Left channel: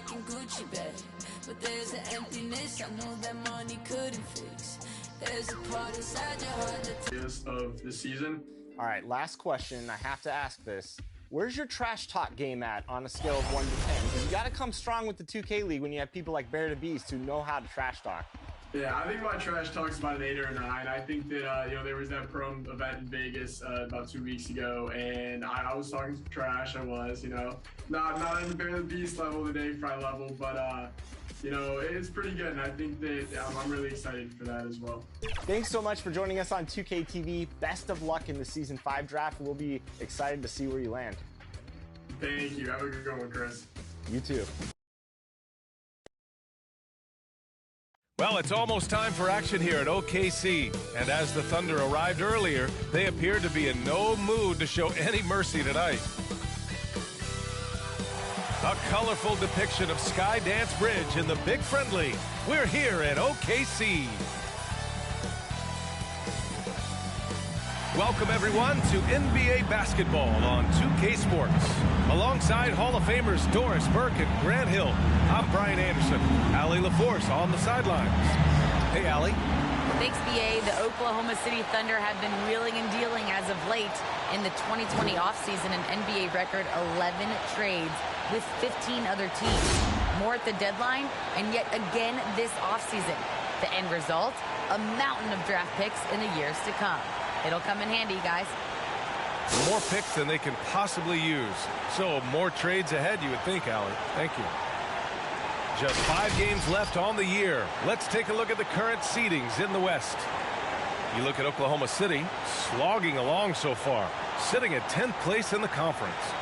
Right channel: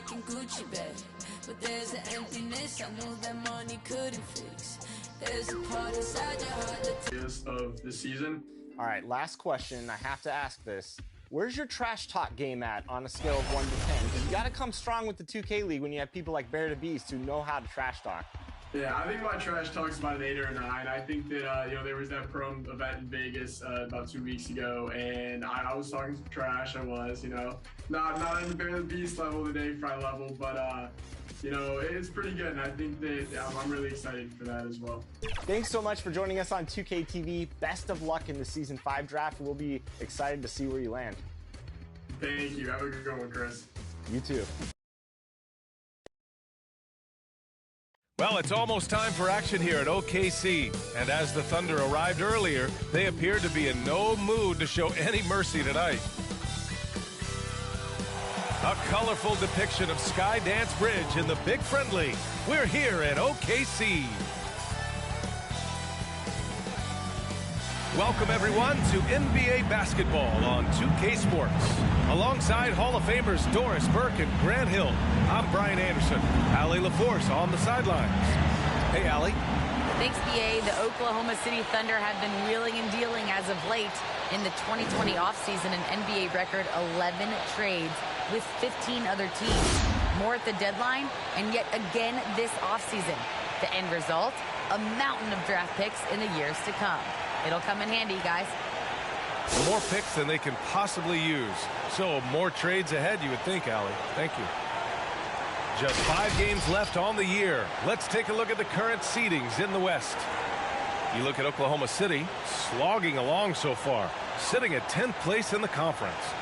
racking Gucci bag, but there's an emptiness I know that money couldn't fix. There's a part inside your heart that of the season. All right, last question. I have to ask this. Where's your trash talk game at on a scale of 1 to 10? Because you got to come strong with the 2K League when you have people like Bear the Beast who know how to trash talk. Yeah, I think my trash talk's about an 8 or a 9. I think that, there was that prom event in Vegas about 2 weeks ago, and I was talking some trash. I was, not at the Bear the Beast level, the Dave Fry level, but, it's pretty good, and I think that I'm really excited for that as well. Thanks so much for joining us on 2K TV. Best of luck in the Season 5 draft. We'll be excited to see where you land. Thank you. Have a good one, Chris. You too. Well, it's almost time for action here at OKC. And as the Thunder arrived earlier, they appeared to be in no mood to show any mercy tonight. A colorful depiction of Skydance Bridge in the Big Friendly. We're here at OKC. Welcome, everyone, to NBA basketball on 2K Sports. Alongside Hall of Famers Doris Burke and Grant Hill, I'm Brian Anderson. Allie LaForce on the sidelines. Hey, Allie. Thanks, BA. The Oklahoma City Thunder have been wheeling and dealing as of late in the 2020 offseason, an NBA record 11 trades with 15 other teams. More at the deadline, and yet again this offseason. The end result, a mountain of draft picks in the years to come. It'll come in handy, guys. More picks than they can possibly use. So more trades ahead, you would think, Allie. Thank you. Just 5 games left on the year. Let's take a look at the current seedings in the West. You look at Oklahoma City, slogging along so far, sitting at 10th place in the conference.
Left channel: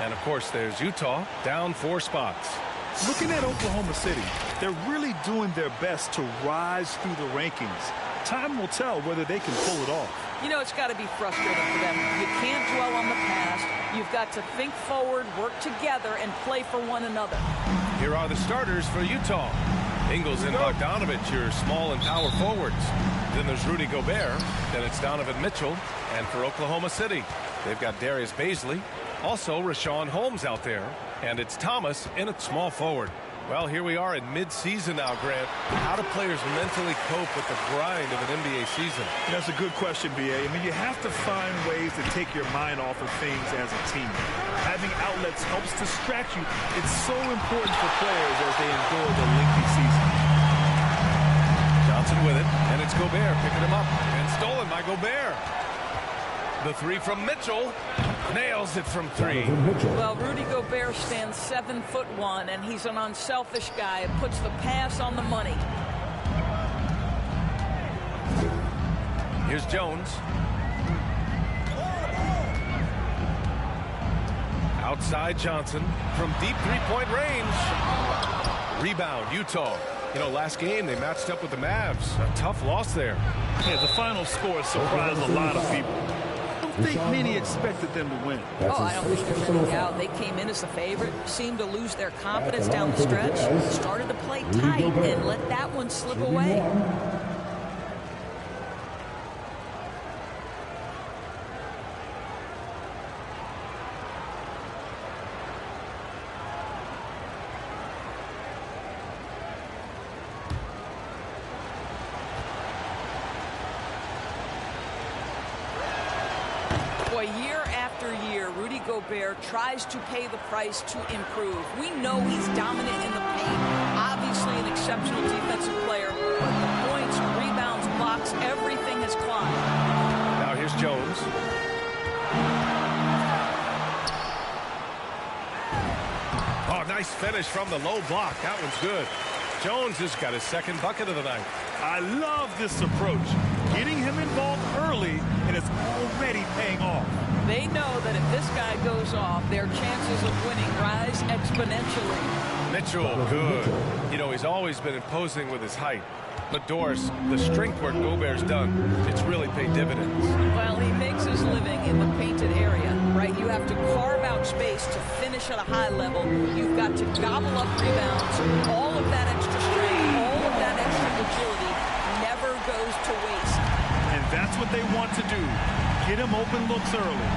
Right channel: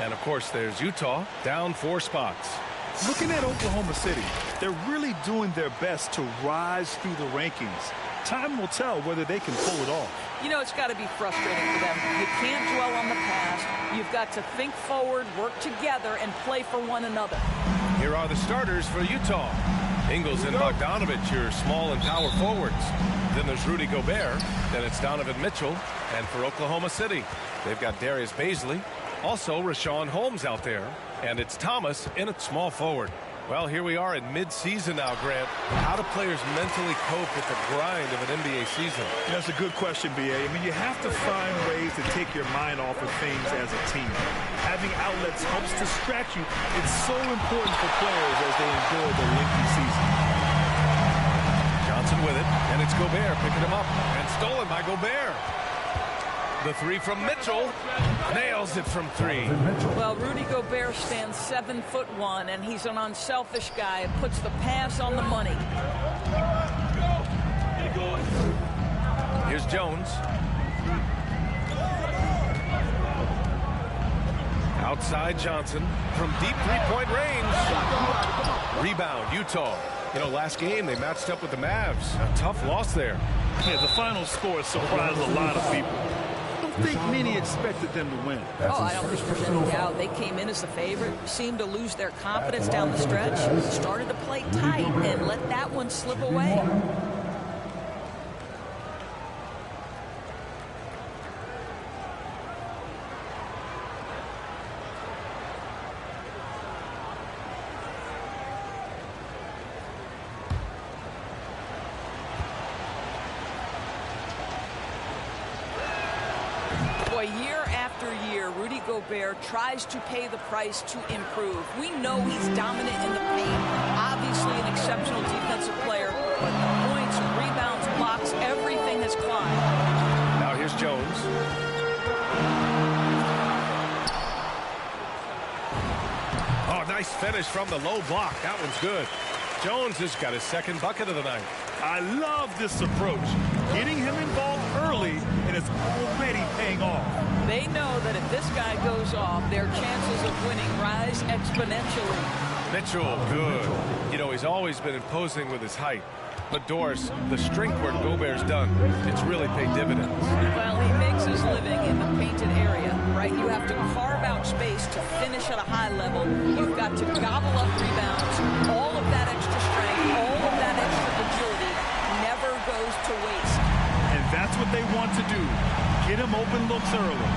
And, of course, there's Utah, down 4 spots. Looking at Oklahoma City, they're really doing their best to rise through the rankings. Time will tell whether they can pull it off. It's got to be frustrating for them. You can't dwell on the past. You've got to think forward, work together, and play for one another. Here are the starters for Utah. Ingles and Bogdanovich, your small and power forwards. Then there's Rudy Gobert. Then it's Donovan Mitchell. And for Oklahoma City, they've got Darius Bazley. Also, Rashawn Holmes out there. And it's Thomas in at small forward. Well, here we are in mid-season now, Grant. How do players mentally cope with the grind of an NBA season? That's a good question, BA. You have to find ways to take your mind off of things as a team. Having outlets helps distract you. It's so important for players as they endure the lengthy season. Johnson with it, and it's Gobert picking him up. And stolen by Gobert. The 3 from Mitchell. Nails it from 3. Well, Rudy Gobert stands 7'1", and he's an unselfish guy. It puts the pass on the money. Here's Jones. Outside Johnson from deep 3-point range. Rebound, Utah. Last game they matched up with the Mavs. A tough loss there. Yeah, the final score surprised a lot of people. I don't think many expected them to win. I don't think there's any doubt. They came in as the favorite, seemed to lose their confidence down the stretch, started to play tight, and let that one slip away. Year after year, Rudy Gobert tries to pay the price to improve. We know he's dominant in the paint, obviously an exceptional defensive player, but the points, rebounds, blocks, everything has climbed. Now here's Jones. Oh, nice finish from the low block. That one's good. Jones has got his second bucket of the night. I love this approach. Getting him involved early, and it's already paying off. They know that if this guy goes off, their chances of winning rise exponentially. Mitchell, good. He's always been imposing with his height. But Doris, the strength work Gobert's done, it's really paid dividends. Well, he makes his living in the painted area, right? You have to carve out space to finish at a high level. You've got to gobble up rebounds. All of that extra strength, all of that extra agility never goes to waste. And that's what they want to do. Get him open looks early.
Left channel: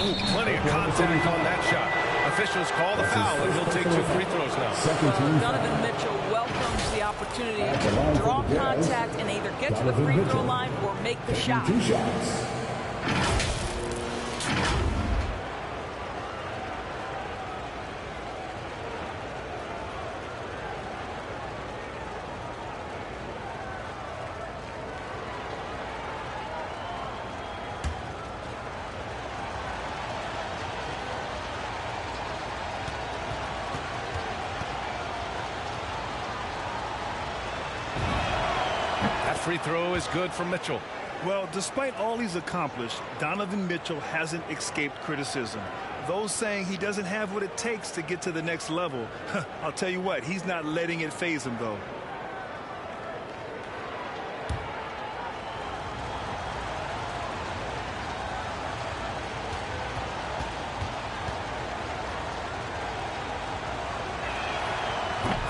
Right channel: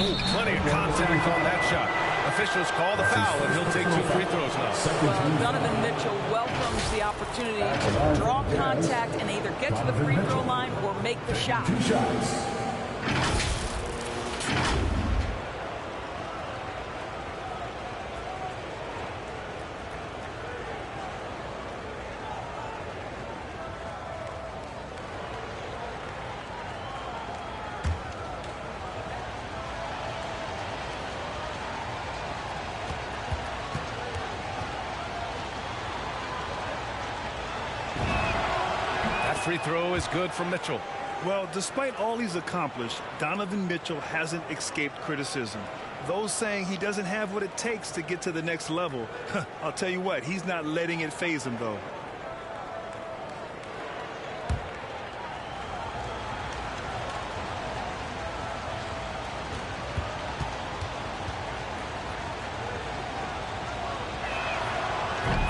Ooh, plenty of contact on that shot. Officials call the foul, and he'll take 2 free throws now. Well, Donovan Mitchell welcomes the opportunity to draw contact and either get to the free throw line or make the shot. 2 shots. That free throw is good for Mitchell. Well, despite all he's accomplished, Donovan Mitchell hasn't escaped criticism. Those saying he doesn't have what it takes to get to the next level, I'll tell you what, he's not letting it faze him, though.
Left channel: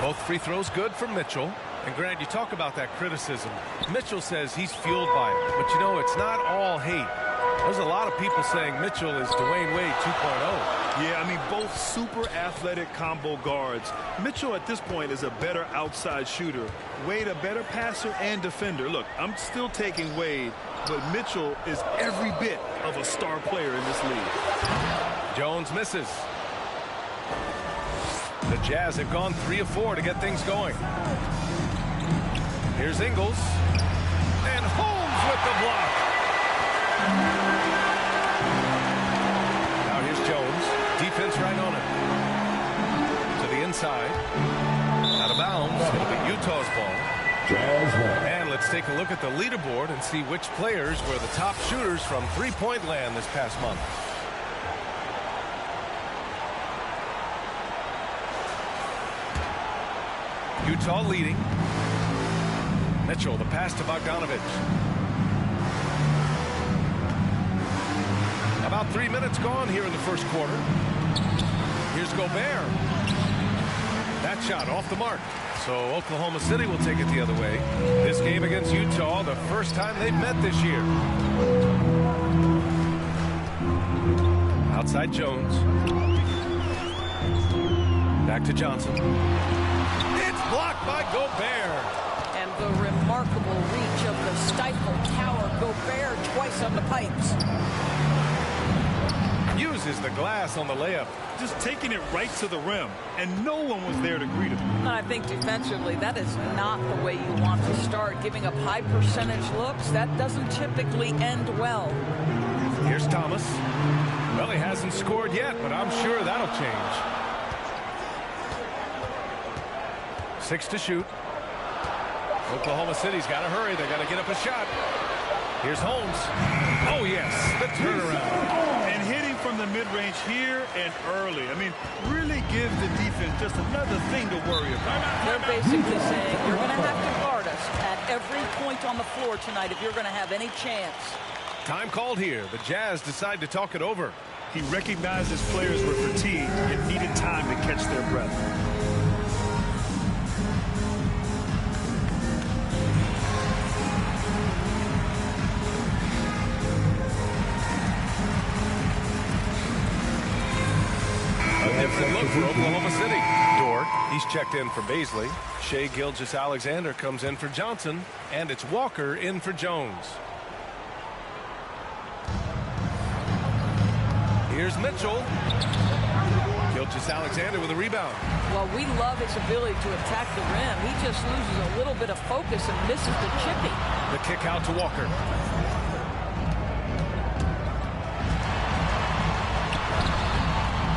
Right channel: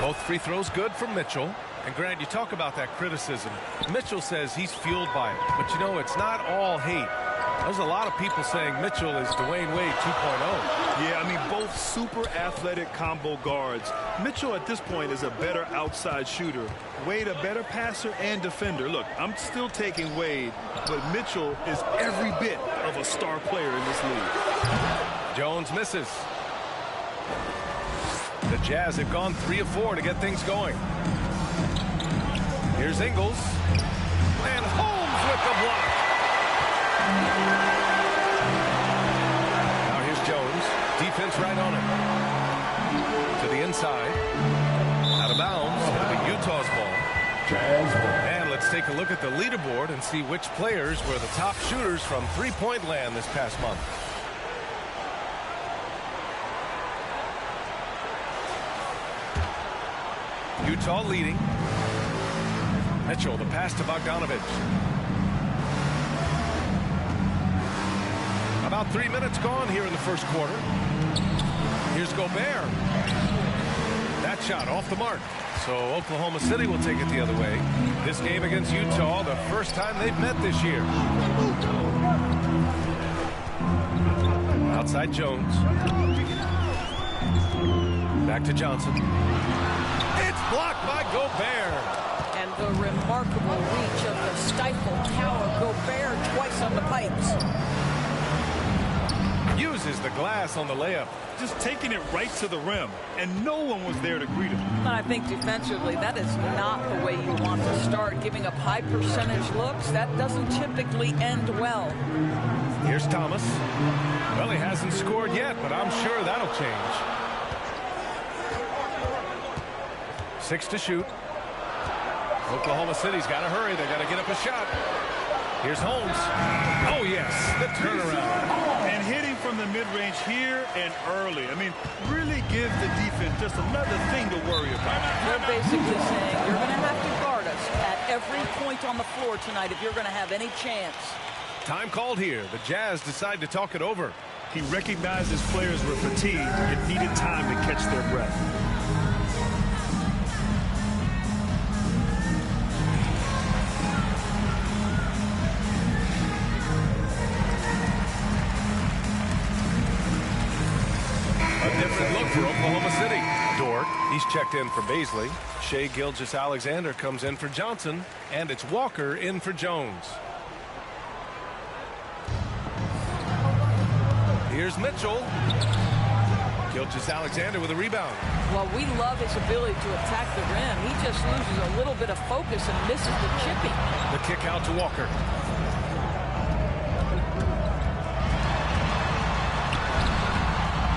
Both free throws good for Mitchell. And Grant, you talk about that criticism. Mitchell says he's fueled by it. But, you know, it's not all hate. There's a lot of people saying Mitchell is Dwayne Wade 2.0. Yeah, I mean, both super athletic combo guards. Mitchell at this point is a better outside shooter. Wade a better passer and defender. Look, I'm still taking Wade, but Mitchell is every bit of a star player in this league. Jones misses. The Jazz have gone 3 of 4 to get things going. Here's Ingles. And Holmes with the block. Now here's Jones. Defense right on him. To the inside. Out of bounds. It'll be Utah's ball. Jazz 1. And let's take a look at the leaderboard and see which players were the top shooters from three-point land this past month. Utah leading. Mitchell, the pass to Bogdanovich. About 3 minutes gone here in the first quarter. Here's Gobert. That shot off the mark. So Oklahoma City will take it the other way. This game against Utah, the first time they've met this year. Outside Jones. Back to Johnson. It's blocked by Gobert. And the remarkable reach of the stifle tower. Gobert twice on the pipes. Uses the glass on the layup. Just taking it right to the rim, and no one was there to greet him. I think defensively, that is not the way you want to start. Giving up high percentage looks, that doesn't typically end well. Here's Thomas. Well, he hasn't scored yet, but I'm sure that'll change. 6 to shoot. Oklahoma City's got to hurry. They got to get up a shot. Here's Holmes. Oh, yes, the turnaround. And hitting from the mid-range here and early. I mean, really give the defense just another thing to worry about. They're basically saying you're going to have to guard us at every point on the floor tonight if you're going to have any chance. Time called here. The Jazz decide to talk it over. He recognized his players were fatigued and needed time to catch their breath. A different look for Oklahoma City. Dort, he's checked in for Baisley. Shai Gilgeous-Alexander comes in for Johnson. And it's Walker in for Jones. Here's Mitchell. Gilgeous-Alexander with a rebound. Well, we love his ability to attack the rim. He just loses a little bit of focus and misses the chippy. The kick out to Walker.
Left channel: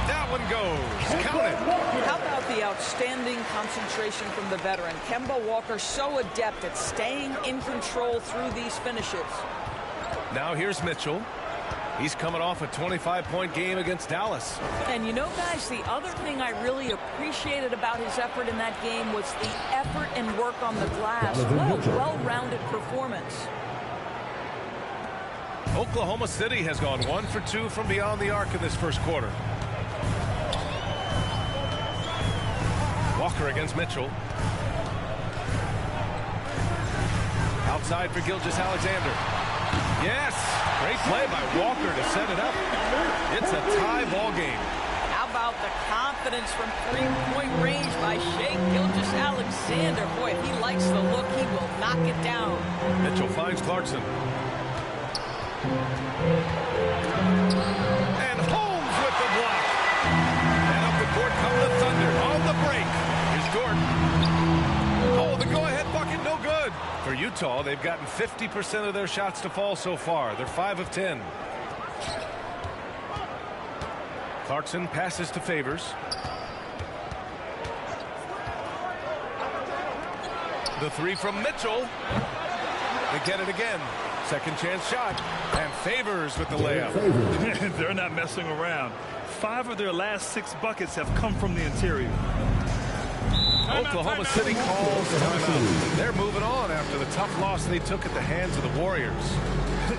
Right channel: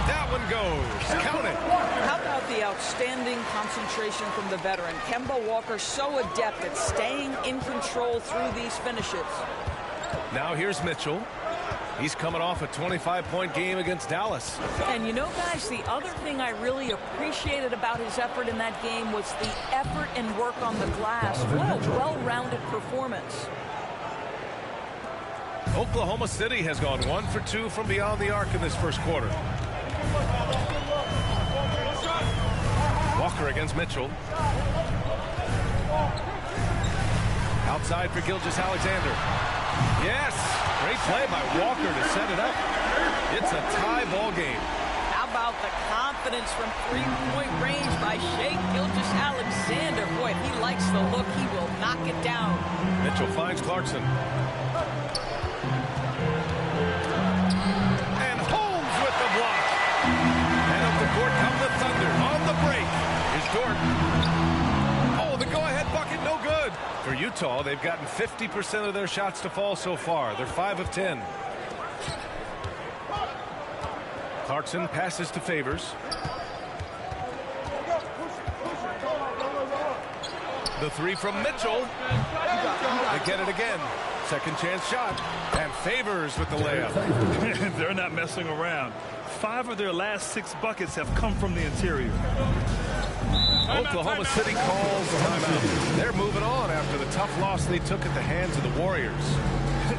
That one goes. Count it. How about the outstanding concentration from the veteran? Kemba Walker so adept at staying in control through these finishes. Now here's Mitchell. He's coming off a 25-point game against Dallas. And you know, guys, the other thing I really appreciated about his effort in that game was the effort and work on the glass. What a well-rounded performance. Oklahoma City has gone 1 for 2 from beyond the arc in this first quarter. Walker against Mitchell. Outside for Gilgeous-Alexander. Yes, great play by Walker to set it up. It's a tie ball game. How about the confidence from three-point range by Shai Gilgeous-Alexander? Boy, if he likes the look, he will knock it down. Mitchell finds Clarkson. And Holmes with the block. And up the court come the Thunder on the break. Here's Dort. Oh, the go-ahead bucket, no good. For Utah, they've gotten 50% of their shots to fall so far. They're 5 of 10. Clarkson passes to Favors. The three from Mitchell. They get it again. Second chance shot. And Favors with the layup. They're not messing around. 5 of their last 6 buckets have come from the interior. Oklahoma City calls timeout. They're moving on after the tough loss they took at the hands of the Warriors.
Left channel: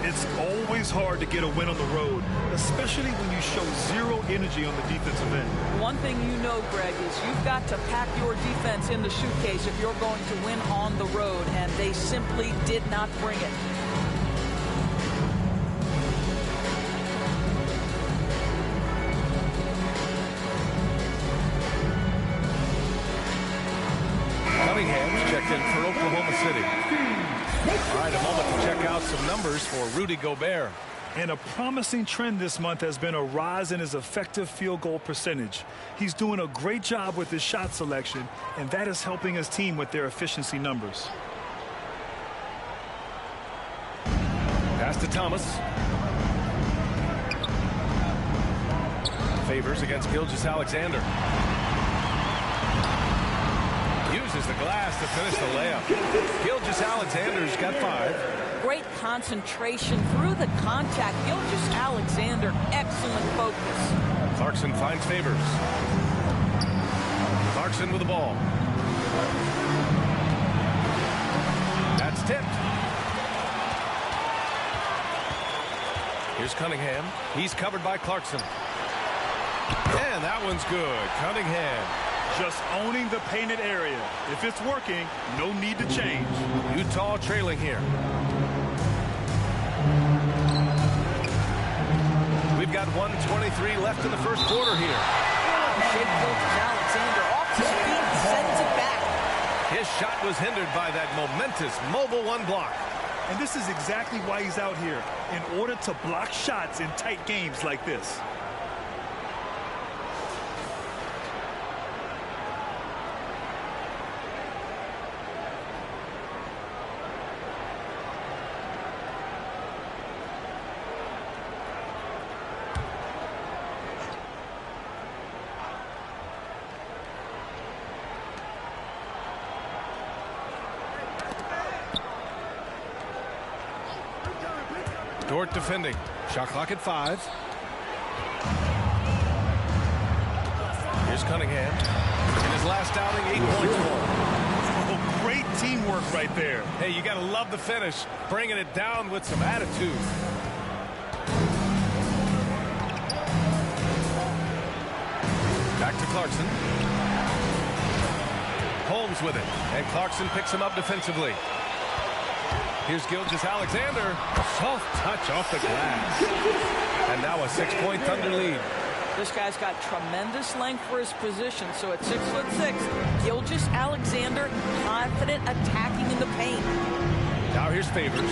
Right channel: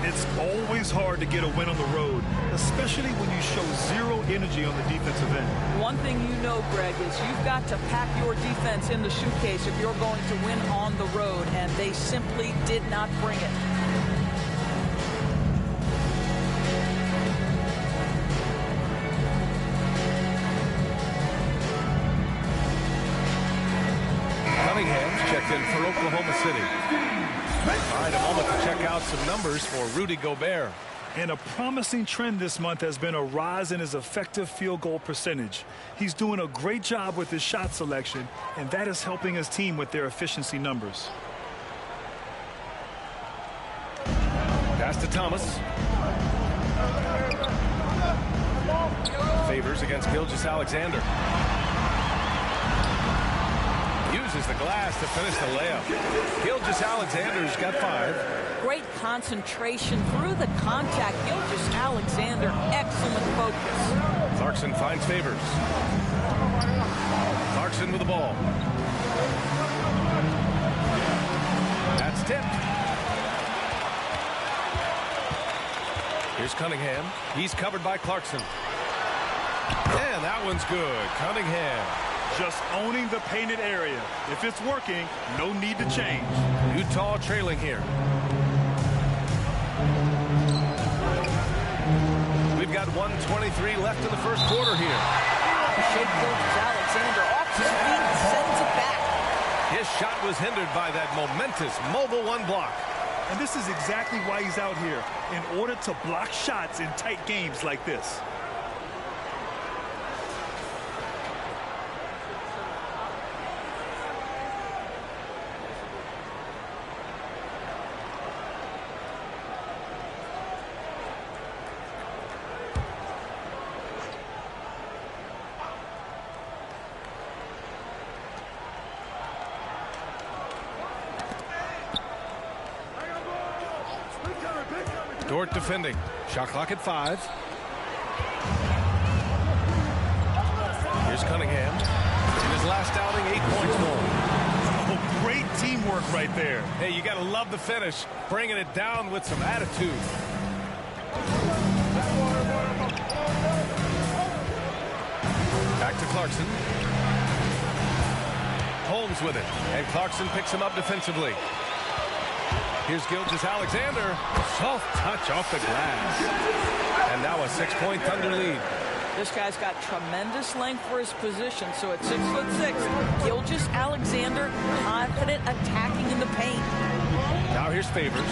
It's always hard to get a win on the road, especially when you show zero energy on the defensive end. One thing you know, Greg, is you've got to pack your defense in the suitcase if you're going to win on the road, and they simply did not bring it. Cunningham's checked in for Oklahoma City. All right, a moment to check out some numbers for Rudy Gobert. And a promising trend this month has been a rise in his effective field goal percentage. He's doing a great job with his shot selection, and that is helping his team with their efficiency numbers. Pass to Thomas. Favors against Gilgeous-Alexander. Uses the glass to finish the layup. Gilgeous-Alexander's got 5. Great concentration through the contact. Gilgeous-Alexander, excellent focus. Clarkson finds Favors. Clarkson with the ball. That's tipped. Here's Cunningham. He's covered by Clarkson. And that one's good. Cunningham. Just owning the painted area. If it's working, no need to change. Utah trailing here. We've got 1:23 left in the first quarter here. Wow, Shai Gilgeous-Alexander off his feet and sends it back. His shot was hindered by that momentous mobile one block. And this is exactly why he's out here, in order to block shots in tight games like this. Dort defending. Shot clock at 5. Here's Cunningham. In his last outing, 8 points for him. Oh, great teamwork right there. Hey, you got to love the finish. Bringing it down with some attitude. Back to Clarkson. Holmes with it. And Clarkson picks him up defensively. Here's Gilgeous-Alexander. Soft touch off the glass. And now a 6-point Thunder lead. This guy's got tremendous length for his position. So at 6'6", Gilgeous-Alexander confident attacking in the paint. Now here's Favors.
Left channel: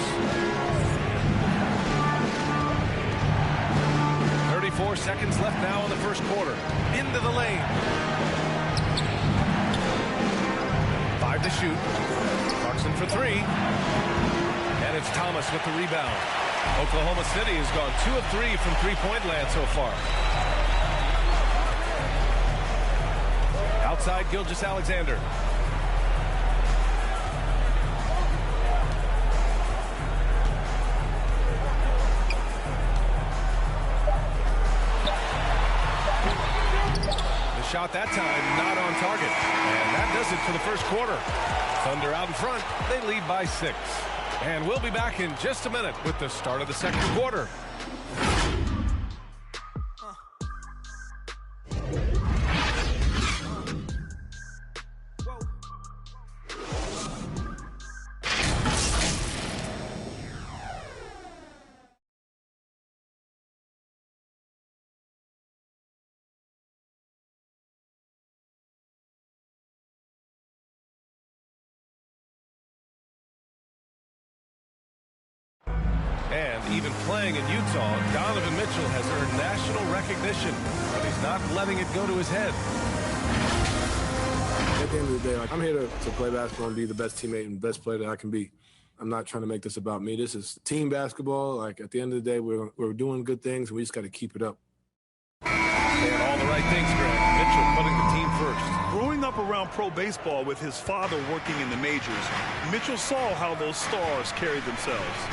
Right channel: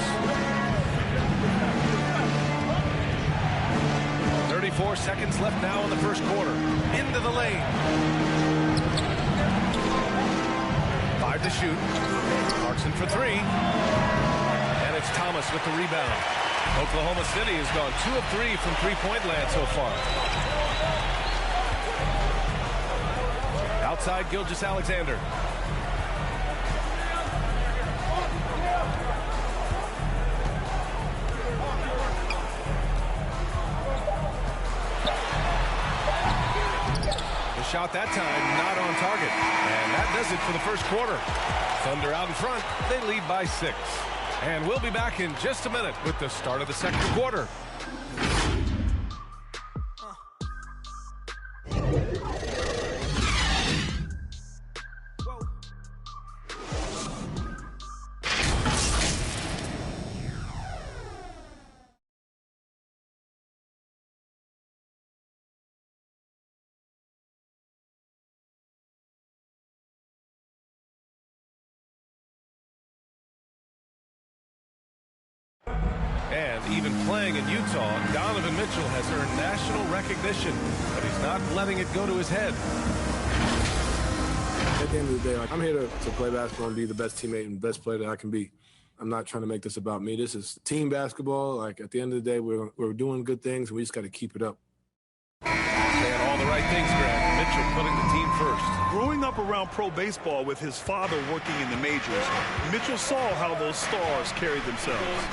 34 seconds left now in the first quarter. Into the lane. 5 to shoot. Clarkson for 3. And it's Thomas with the rebound. Oklahoma City has gone 2 of 3 from three-point land so far. Outside Gilgeous-Alexander. The shot that time not on target. And that does it for the first quarter. Thunder out in front. They lead by 6. And we'll be back in just a minute with the start of the second quarter. And even playing in Utah, Donovan Mitchell has earned national recognition, but he's not letting it go to his head. At the end of the day, I'm here to play basketball and be the best teammate and best player that I can be. I'm not trying to make this about me. This is team basketball. Like, at the end of the day, we're doing good things, and we just got to keep it up. Saying all the right things, Grant. Mitchell putting the team first. Growing up around pro baseball with his father working in the majors, Mitchell saw how those stars carried themselves.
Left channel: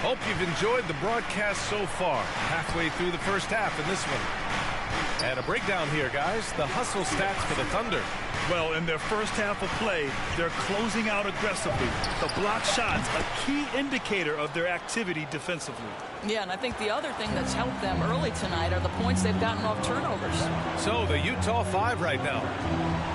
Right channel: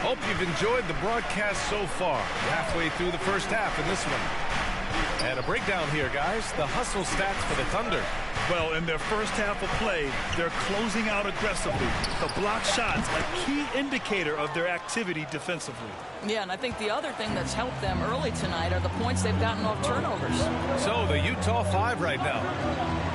Hope you've enjoyed the broadcast so far. Halfway through the first half in this one. And a breakdown here, guys. The hustle stats for the Thunder. Well, in their first half of play, they're closing out aggressively. The block shots, a key indicator of their activity defensively. Yeah, and I think the other thing that's helped them early tonight are the points they've gotten off turnovers. So the Utah 5 right now.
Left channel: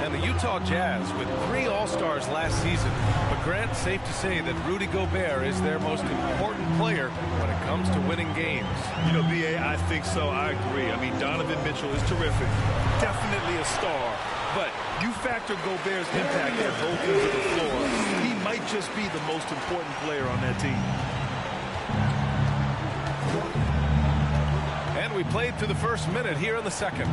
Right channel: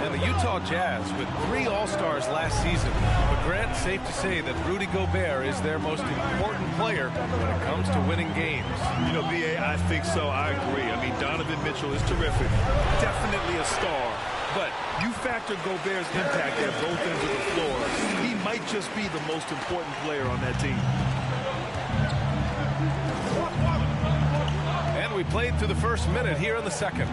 And the Utah Jazz with 3 All-Stars last season. But Grant, safe to say that Rudy Gobert is their most important player when it comes to winning games. You know, B.A., I think so. I agree. I mean, Donovan Mitchell is terrific. Definitely a star. But you factor Gobert's impact at both ends of the floor, he might just be the most important player on that team. And we played through the first minute here in the second.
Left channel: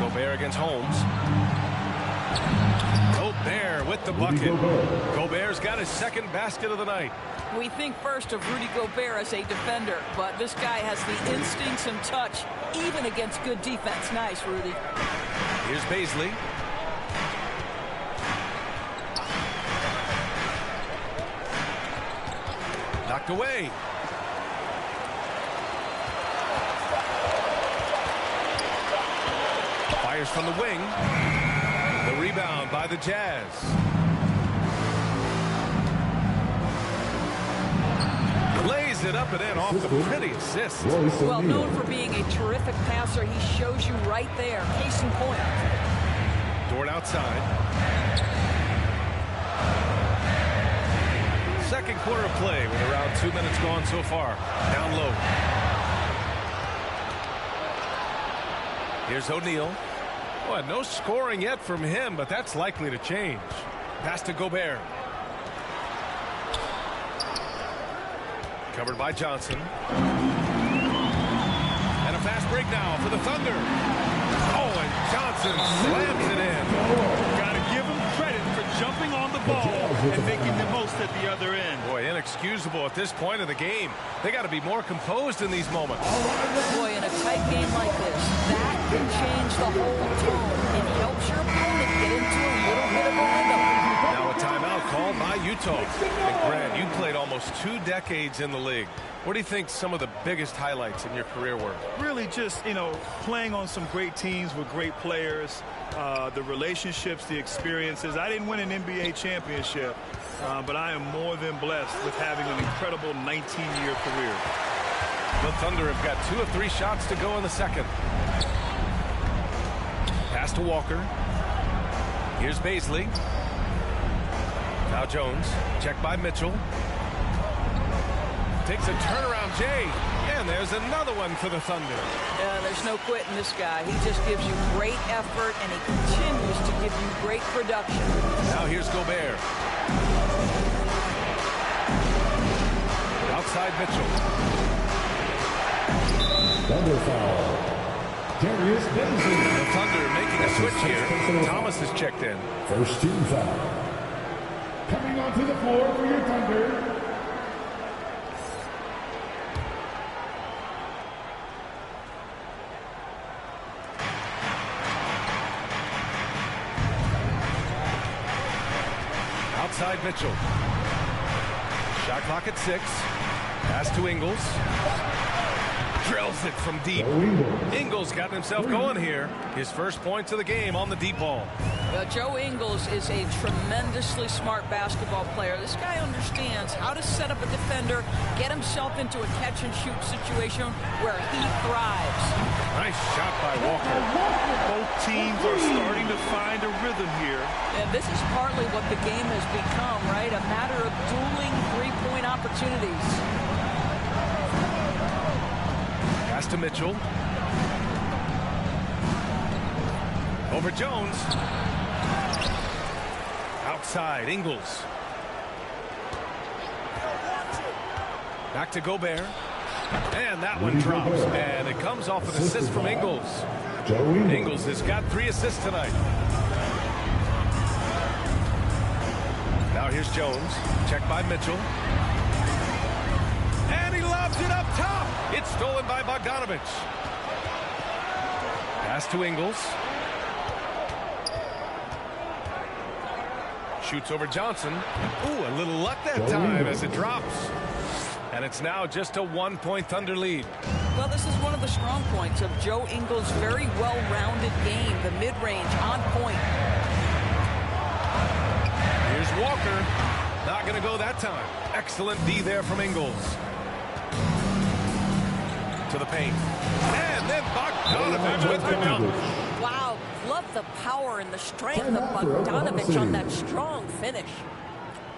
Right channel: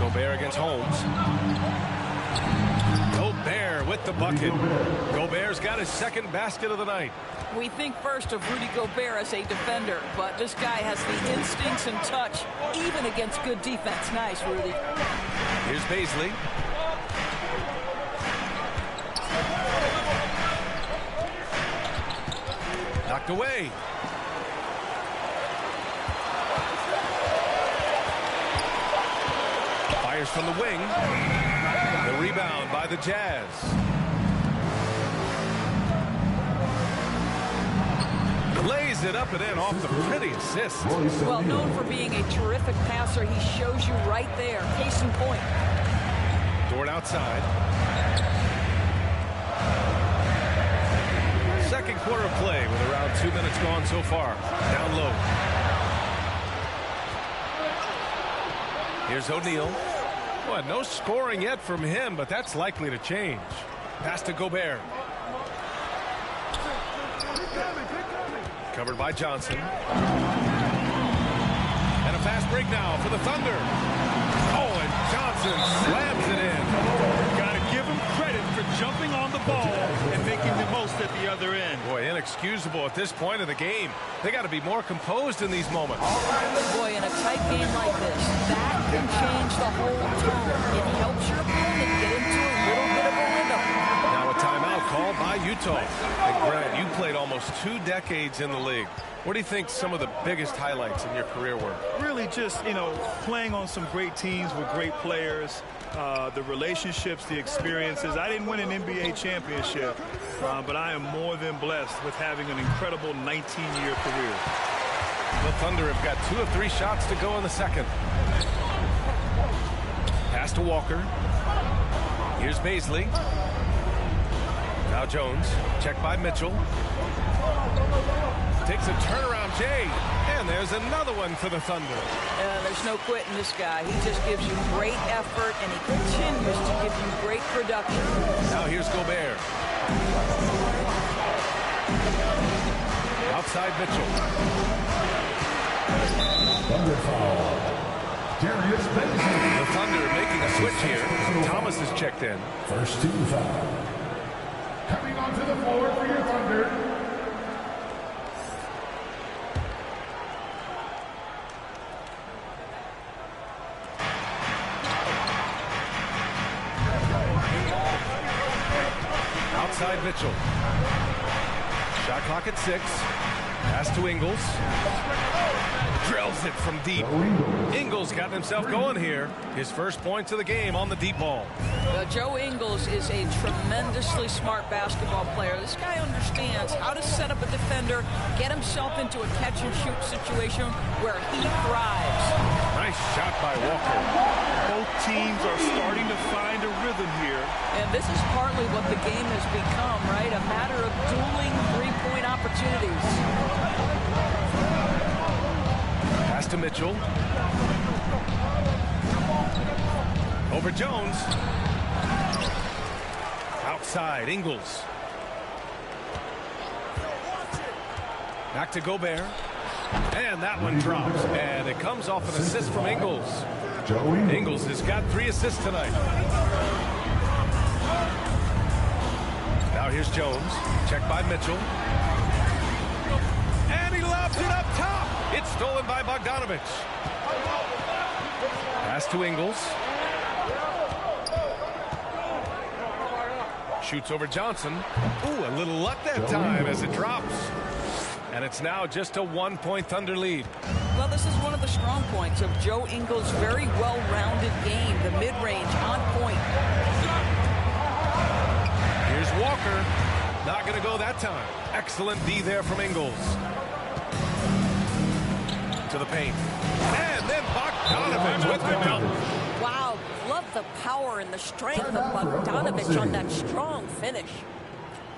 Gobert against Holmes. Gobert with the bucket. Gobert's got his second basket of the night. We think first of Rudy Gobert as a defender, but this guy has the instincts and touch, even against good defense. Nice, Rudy. Here's Baisley. Knocked away. Fires from the wing. The rebound by the Jazz. Lays it up and in off the pretty assist. Well, known for being a terrific passer, he shows you right there. Case in point. Dort outside. Second quarter of play with around 2 minutes gone so far. Down low. Here's O'Neal. Well, no scoring yet from him, but that's likely to change. Pass to Gobert. Covered by Johnson. And a fast break now for the Thunder. Oh, and Johnson slams it in. Got to give him credit for jumping on the ball and making the most at the other end. Boy, inexcusable at this point of the game. They got to be more composed in these moments. Boy, in a tight game like this, that can change the whole tone. It helps your opponent get into a little bit of a rhythm. Now a timeout called by Utah. And Grant, you played almost 2 decades in the league. What do you think some of the biggest highlights in your career were? Really just, you know, playing on some great teams with great players, the relationships, the experiences. I didn't win an NBA championship, but I am more than blessed with having an incredible 19-year career. The Thunder have got 2 of 3 shots to go in the second. Pass to Walker. Here's Baisley. Now Jones, checked by Mitchell. Takes a turnaround, Jay. And there's another one for the Thunder. There's no quitting this guy. He just gives you great effort, and he continues to give you great production. Now here's Gobert. Outside Mitchell. Thunder foul. Darius Baisley. The Thunder making a switch here. Thomas is checked in. First team foul. Coming onto the floor for your Thunder. Outside Mitchell. Shot clock at 6. Pass to Ingles. Drills it from deep. Ingles got himself going here. His first points of the game on the deep ball. Joe Ingles is a tremendously smart basketball player. This guy understands how to set up a defender, get himself into a catch-and-shoot situation where he thrives. Nice shot by Walker. Both teams are starting to find a rhythm here. And this is partly what the game has become, right? A matter of dueling three-point opportunities. Pass to Mitchell. Over Jones. Outside, Ingles. Back to Gobert. And that one drops. And it comes off an assist from Ingles. Ingles has got 3 assists tonight. Now here's Jones. Checked by Mitchell. And he lobs it up top. It's stolen by Bogdanovich. Pass to Ingles. Shoots over Johnson. Ooh, a little luck that time as it drops. And it's now just a 1-point Thunder lead. Well, this is one of the strong points of Joe Ingles' very well-rounded game. The mid-range on point. Here's Walker. Not going to go that time. Excellent D there from Ingles. To the paint. And then Bogdanovich with the dunk. Wow, love the power and the strength of Bogdanovich on that strong finish.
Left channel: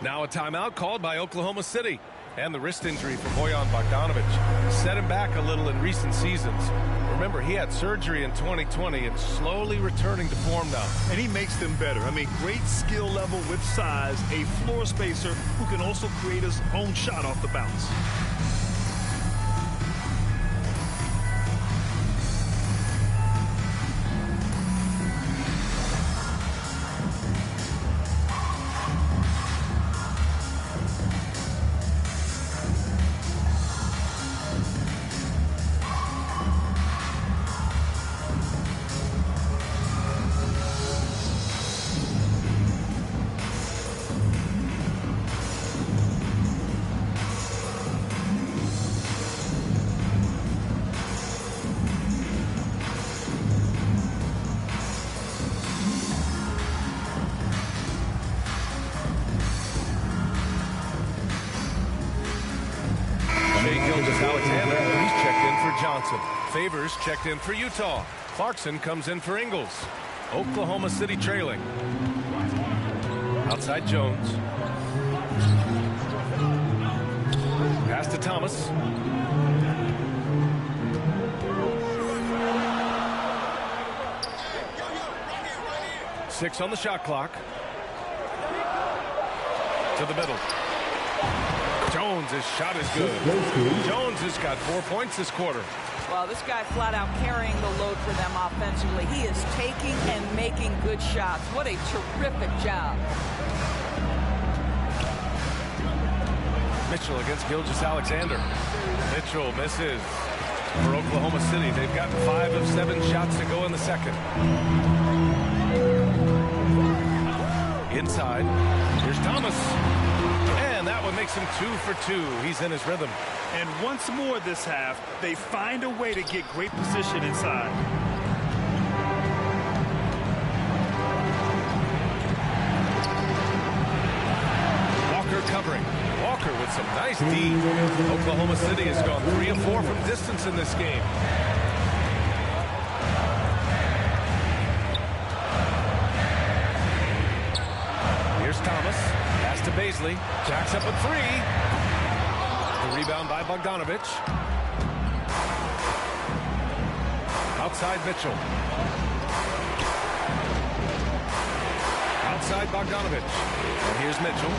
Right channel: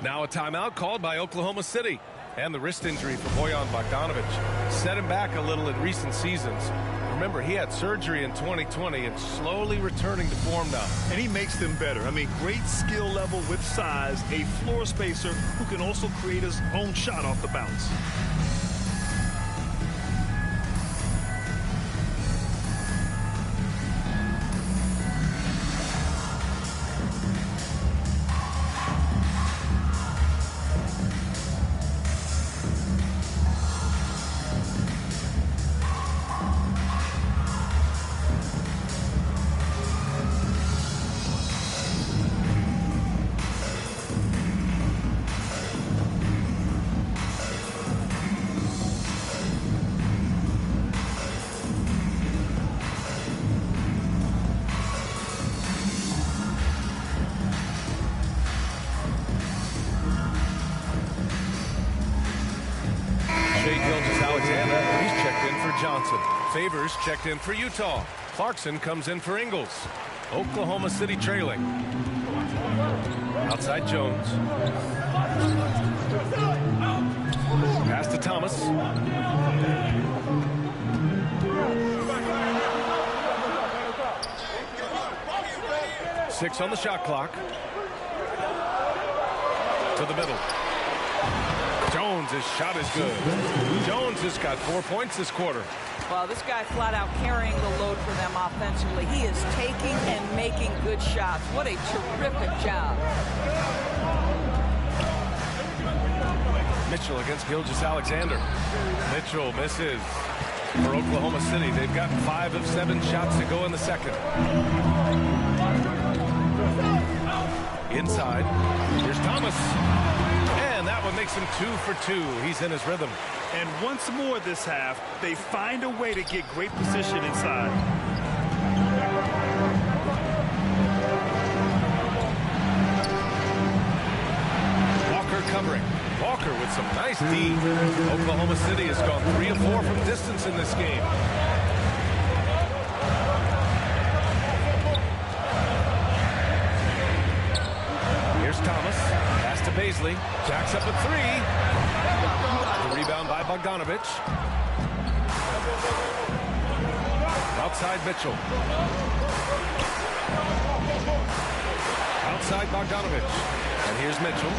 Now a timeout called by Oklahoma City. And the wrist injury for Bojan Bogdanovich set him back a little in recent seasons. Remember, he had surgery in 2020 and slowly returning to form now. And he makes them better. I mean, great skill level with size, a floor spacer who can also create his own shot off the bounce. Alexander, he's checked in for Johnson. Favors checked in for Utah. Clarkson comes in for Ingles. Oklahoma City trailing. Outside Jones. Pass to Thomas. Six on the shot clock. To the middle. Jones, his shot is good. Jones has got 4 points this quarter. Well, this guy flat out carrying the load for them offensively. He is taking and making good shots. What a terrific job. Mitchell against Gilgeous-Alexander. Mitchell misses for Oklahoma City. They've got 5 of 7 shots to go in the second. Inside. Here's Thomas. And that one makes him 2 for 2. He's in his rhythm. And once more this half, they find a way to get great position inside. Walker covering. Walker with some nice D. Oklahoma City has gone 3 of 4 from distance in this game. Here's Thomas. Pass to Baisley. Jacks up a 3. The rebound by Bogdanovich. Outside Mitchell. Outside Bogdanovich. And here's Mitchell.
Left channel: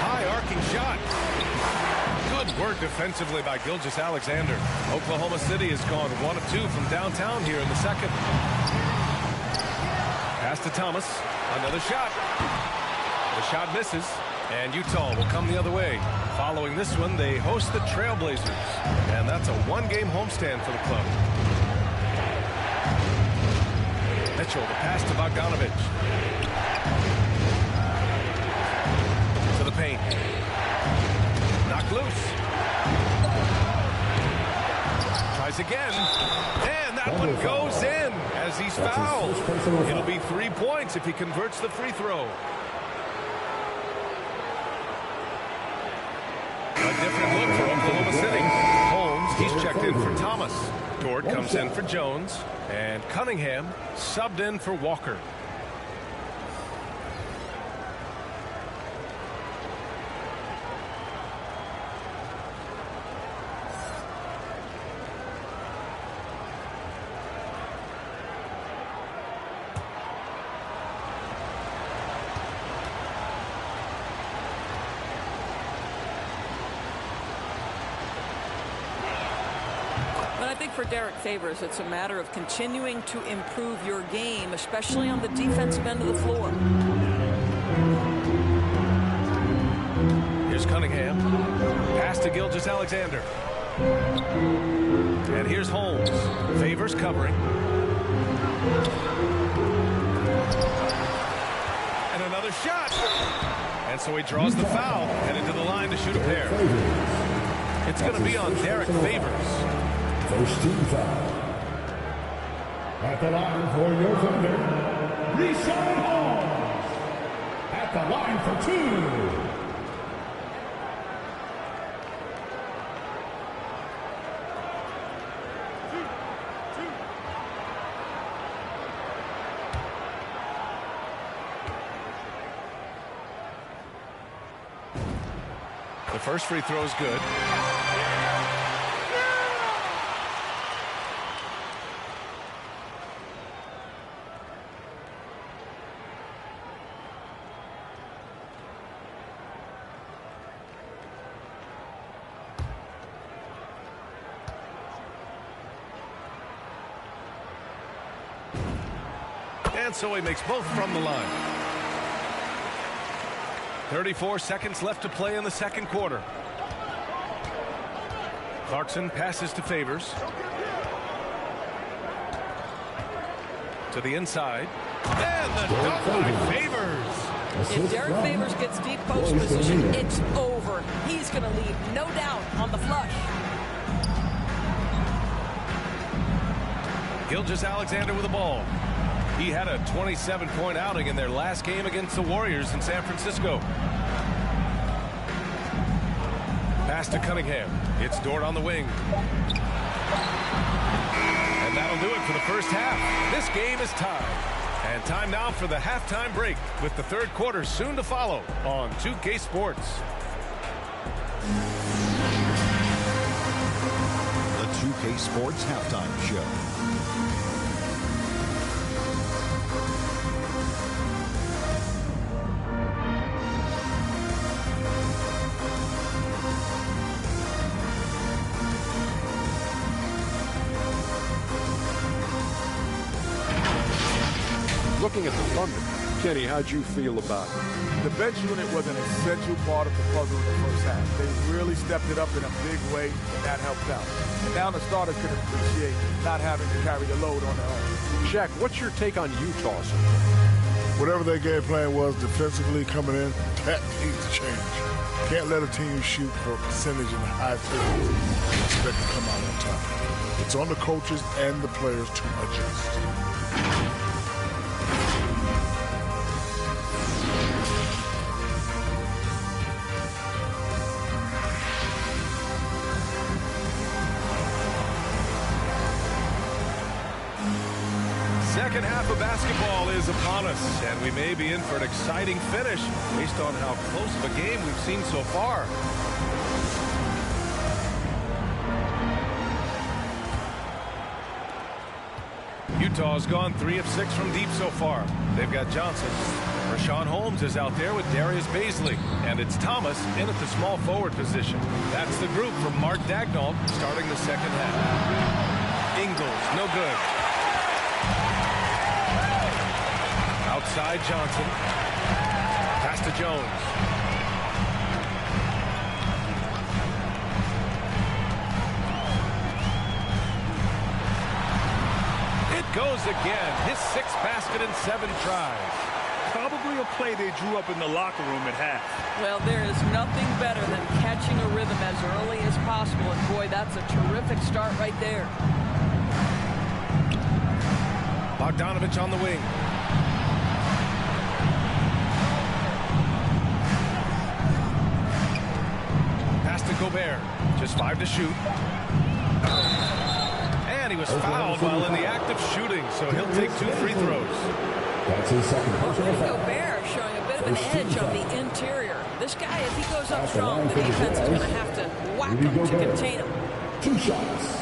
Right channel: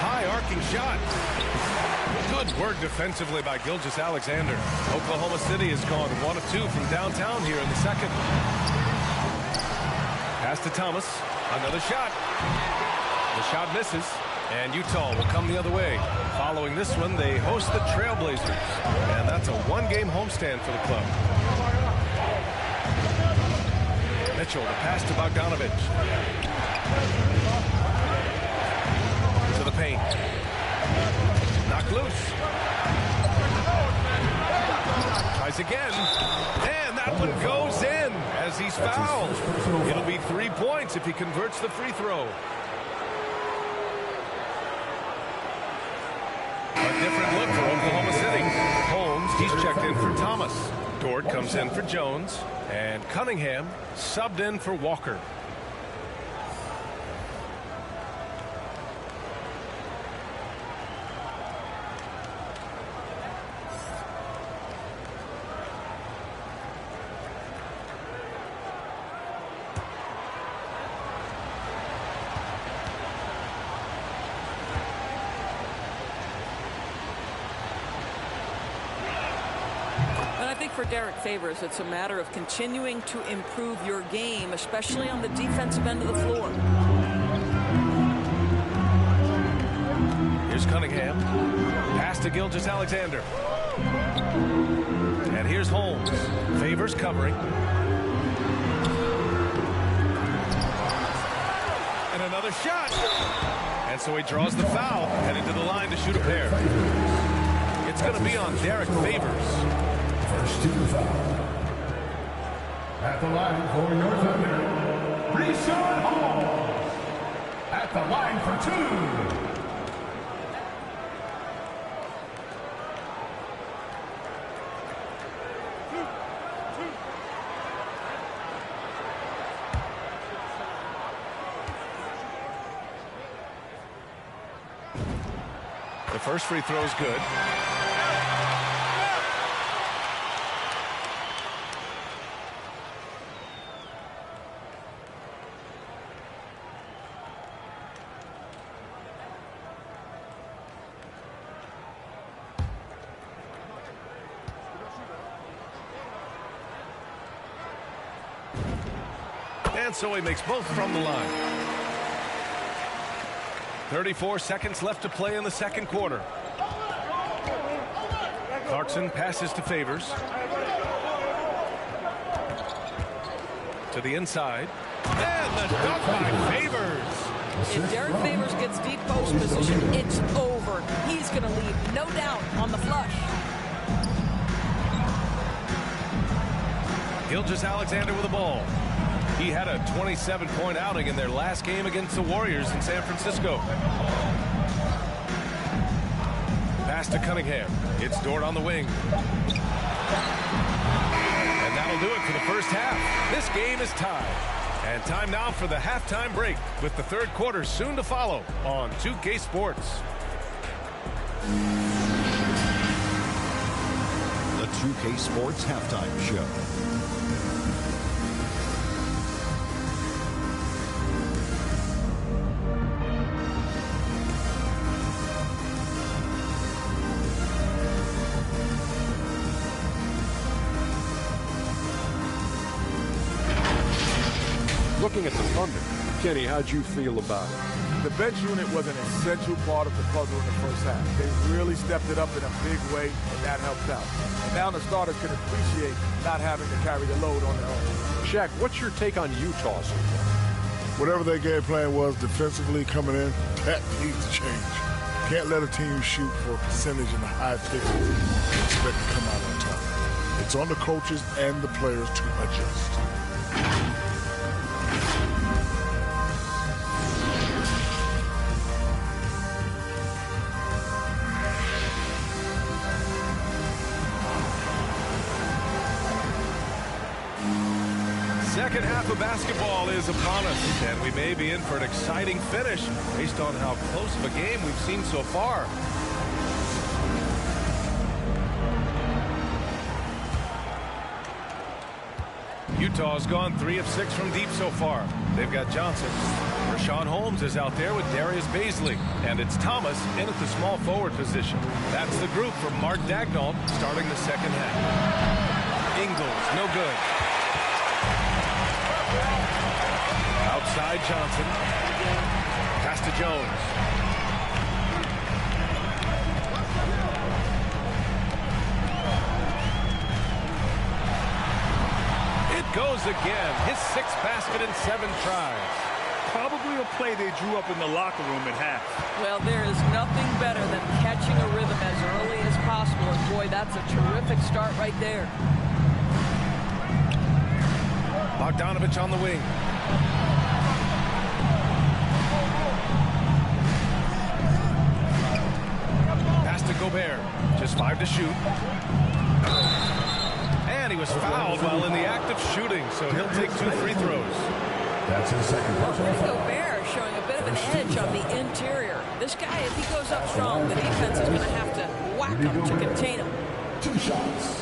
High arcing shot. Good work defensively by Gilgeous-Alexander. Oklahoma City has gone 1 of 2 from downtown here in the second. Pass to Thomas. Another shot. The shot misses. And Utah will come the other way. Following this one, they host the Trailblazers. And that's a 1-game homestand for the club. Mitchell, the pass to Bogdanovich. To the paint. Knocked loose. Tries again. And that one goes in as he's fouled. It'll be 3 points if he converts the free throw. A different look for Oklahoma City. Holmes, he's checked in for Thomas. Dort comes in for Jones. And Cunningham subbed in for Walker. I think for Derek Favors, it's a matter of continuing to improve your game, especially on the defensive end of the floor. Here's Cunningham. Pass to Gilgeous-Alexander. And here's Holmes. Favors covering. And another shot. And so he draws the foul, heading to the line to shoot a pair. It's going to be on Derek Favors. First team foul. At the line for your Thunder, Rashard Holmes. At the line for 2. The first free throw is good. And so he makes both from the line. 34 seconds left to play in the second quarter. Clarkson passes to Favors. To the inside. And the dunk by Favors. If Derek Favors gets deep post position, it's over. He's going to leave, no doubt, on the flush. Gilgeous-Alexander with the ball. He had a 27-point outing in their last game against the Warriors in San Francisco. Pass to Cunningham. It's Dort on the wing. And that'll do it for the first half. This game is tied. And time now for the halftime break, with the third quarter soon to follow on 2K Sports. The 2K Sports Halftime Show. Looking at the Thunder, Kenny, how'd you feel about it? The bench unit was an essential part of the puzzle in the first half. They really stepped it up in a big way, and that helped out. And now the starters can appreciate not having to carry the load on their own. Shaq, what's your take on Utah so far? Whatever their game plan was defensively coming in, that needs to change. Can't let a team shoot for a percentage in the high 50s and expect to come out on top. It's on the coaches and the players to adjust. Second half of basketball is upon us, and we may be in for an exciting finish based on how close of a game we've seen so far. Utah's gone 3 of 6 from deep so far. They've got Johnson. Rashawn Holmes is out there with Darius Baisley, and it's Thomas in at the small forward position. That's the group from Mark Daigneault starting the second half. Ingles, no good. Outside Johnson. Pass to Jones. It goes again. His 6th basket in 7 tries. Probably a play they drew up in the locker room at half. Well, there is nothing better than catching a rhythm as early as possible. And boy, that's a terrific start right there. Bogdanovich on the wing. Pass to Gobert. Just 5 to shoot. And he was fouled while in the act of shooting, so he'll take 2 free throws. That's his second personal foul. Gobert showing a bit of an edge on the interior. This guy, if he goes up strong, the defense is going to have to whack him to contain him. 2 shots.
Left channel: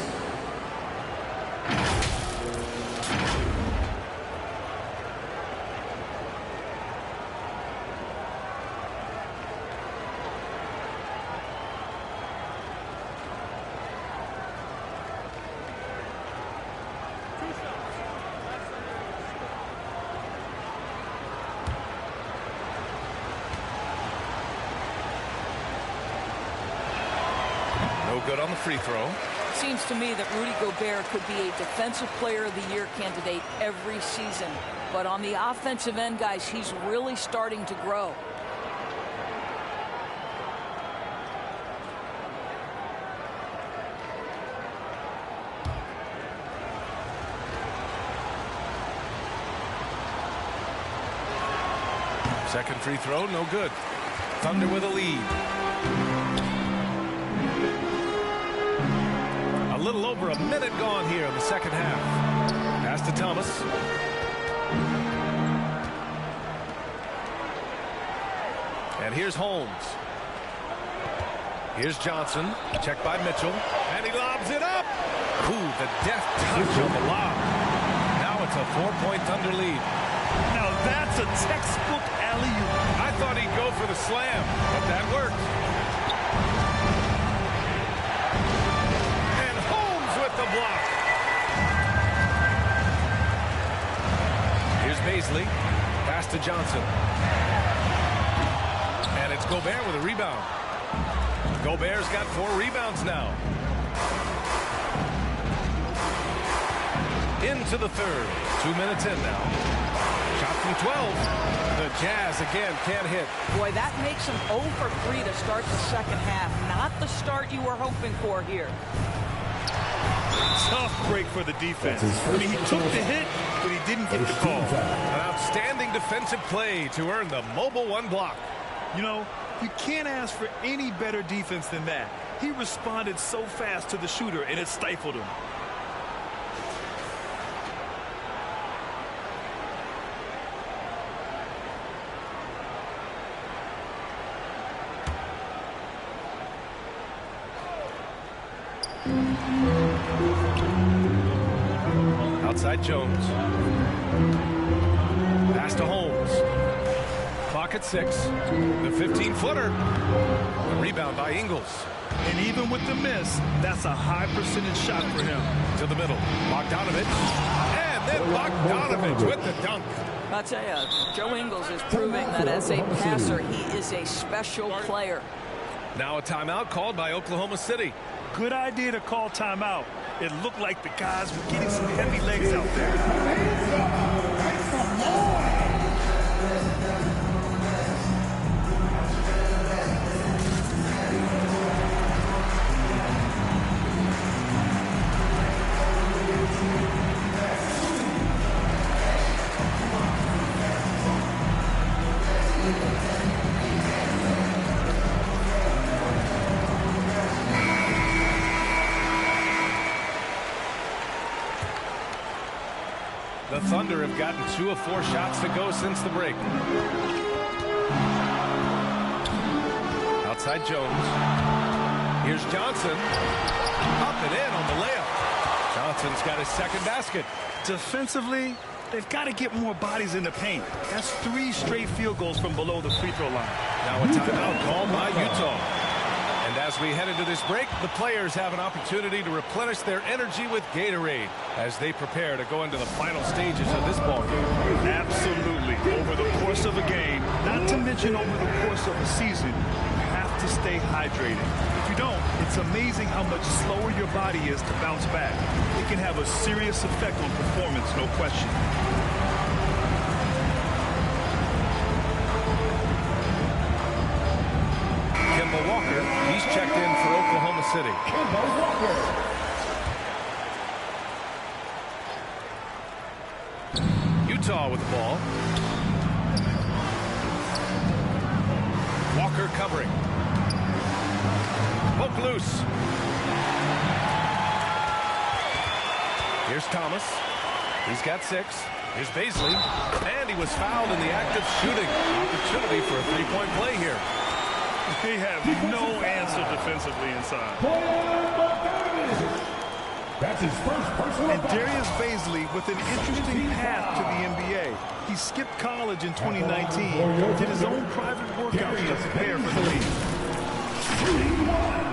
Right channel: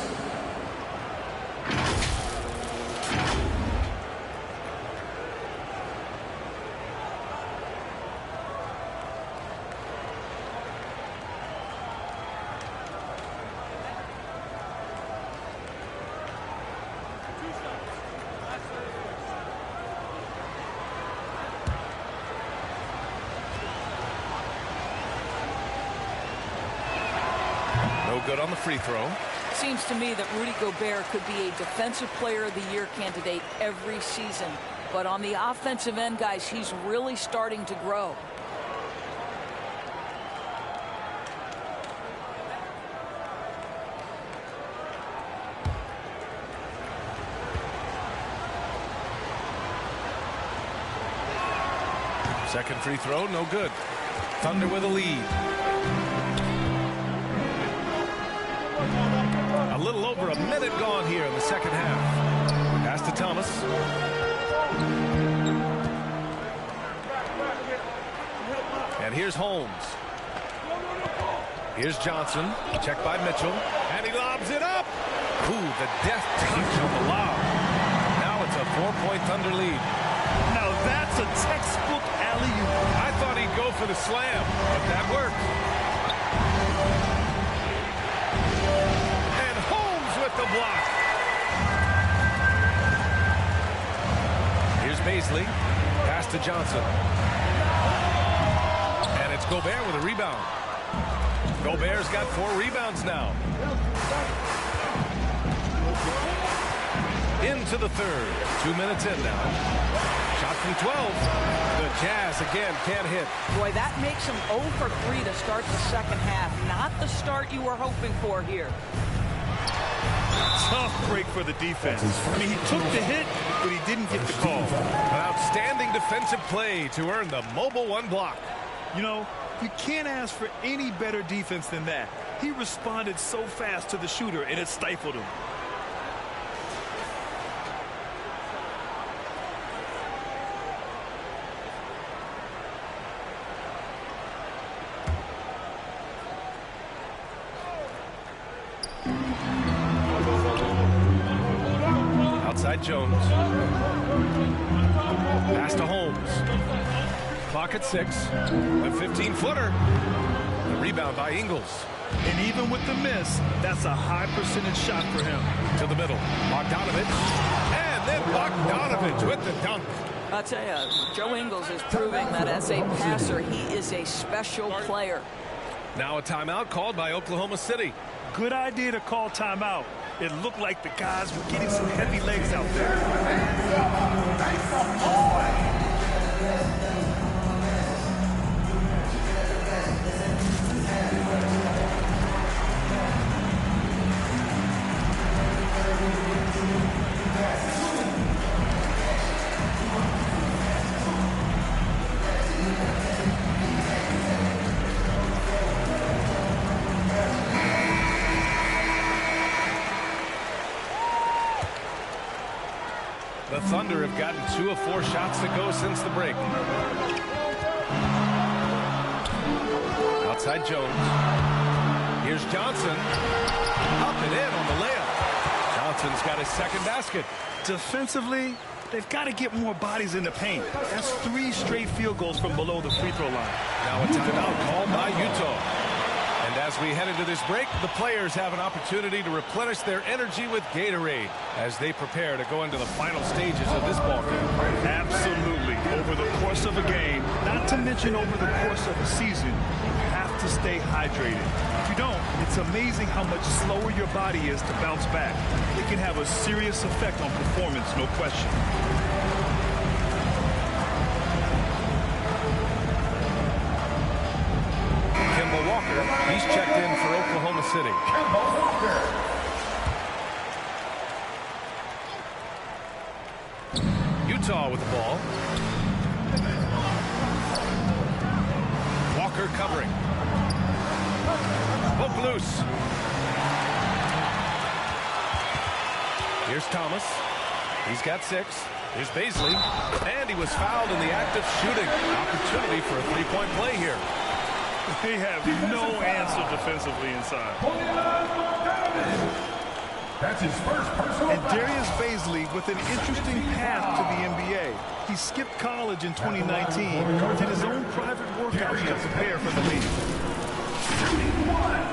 No good on the free throw. Seems to me that Rudy Gobert could be a Defensive Player of the Year candidate every season. But on the offensive end, guys, he's really starting to grow. Second free throw, no good. Thunder with a lead. A little over a minute gone here in the second half. Pass to Thomas. And here's Holmes. Here's Johnson. Checked by Mitchell. And he lobs it up. Ooh, the death touch on the lob. Now it's a 4-point Thunder lead. Now that's a textbook alley-oop. I thought he'd go for the slam, but that worked. And Holmes with the block. Here's Baisley. Pass to Johnson. And it's Gobert with a rebound. Gobert's got 4 rebounds now. Into the third. 2 minutes in now. Shot from 12. The Jazz again can't hit. Boy, that makes him 0 for 3 to start the second half. Not the start you were hoping for here. Tough break for the defense. I mean, he took the hit, but he didn't get the call. An outstanding defensive play to earn the mobile 1 block. You know, you can't ask for any better defense than that. He responded so fast to the shooter, and it stifled him. Outside Jones. Pass to Holmes. Clock at 6. The 15-footer. A rebound by Ingles. And even with the miss, that's a high percentage shot for him. To the middle. Bogdanovich. And then Bogdanovich with the dunk. I'll tell you, Joe Ingles is proving that as a passer, he is a special player. Now a timeout called by Oklahoma City. Good idea to call timeout. It looked like the guys were getting some heavy legs out there. The Thunder have gotten 2 of 4 shots to go since the break. Outside Jones. Here's Johnson. Up and in on the layup. Johnson's got his second basket. Defensively, they've got to get more bodies in the paint. That's 3 straight field goals from below the free throw line. Now a timeout called by Utah. And as we head into this break, the players have an opportunity to replenish their energy with Gatorade as they prepare to go into the final stages of this ball game. Absolutely. Over the course of a game, not to mention over the course of a season, you have to stay hydrated. If you don't, it's amazing how much slower your body is to bounce back. It can have a serious effect on performance, no question. Kemba Walker, he's checked in for Oklahoma City. Kemba Walker. Utah with the ball. Walker covering. Poke loose. Here's Thomas. He's got 6. Here's Baisley. And he was fouled in the act of shooting. Opportunity for a 3-point play here. They have no answer defensively inside. That's his first personal and Darius Baisley with an interesting path to the NBA. He skipped college in 2019, did his own private workouts to prepare for the league. Shooting 1.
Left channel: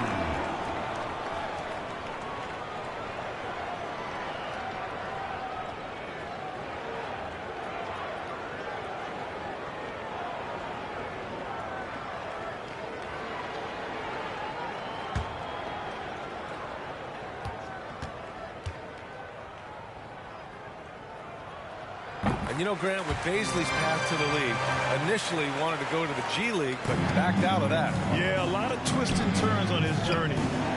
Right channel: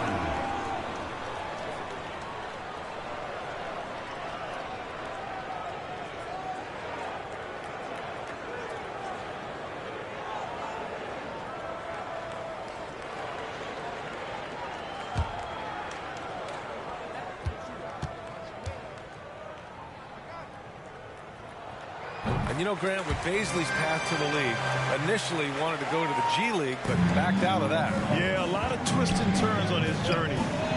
And you know, Grant, with Baisley's path to the league, initially wanted to go to the G League, but backed out of that. Yeah, a lot of twists and turns on his journey.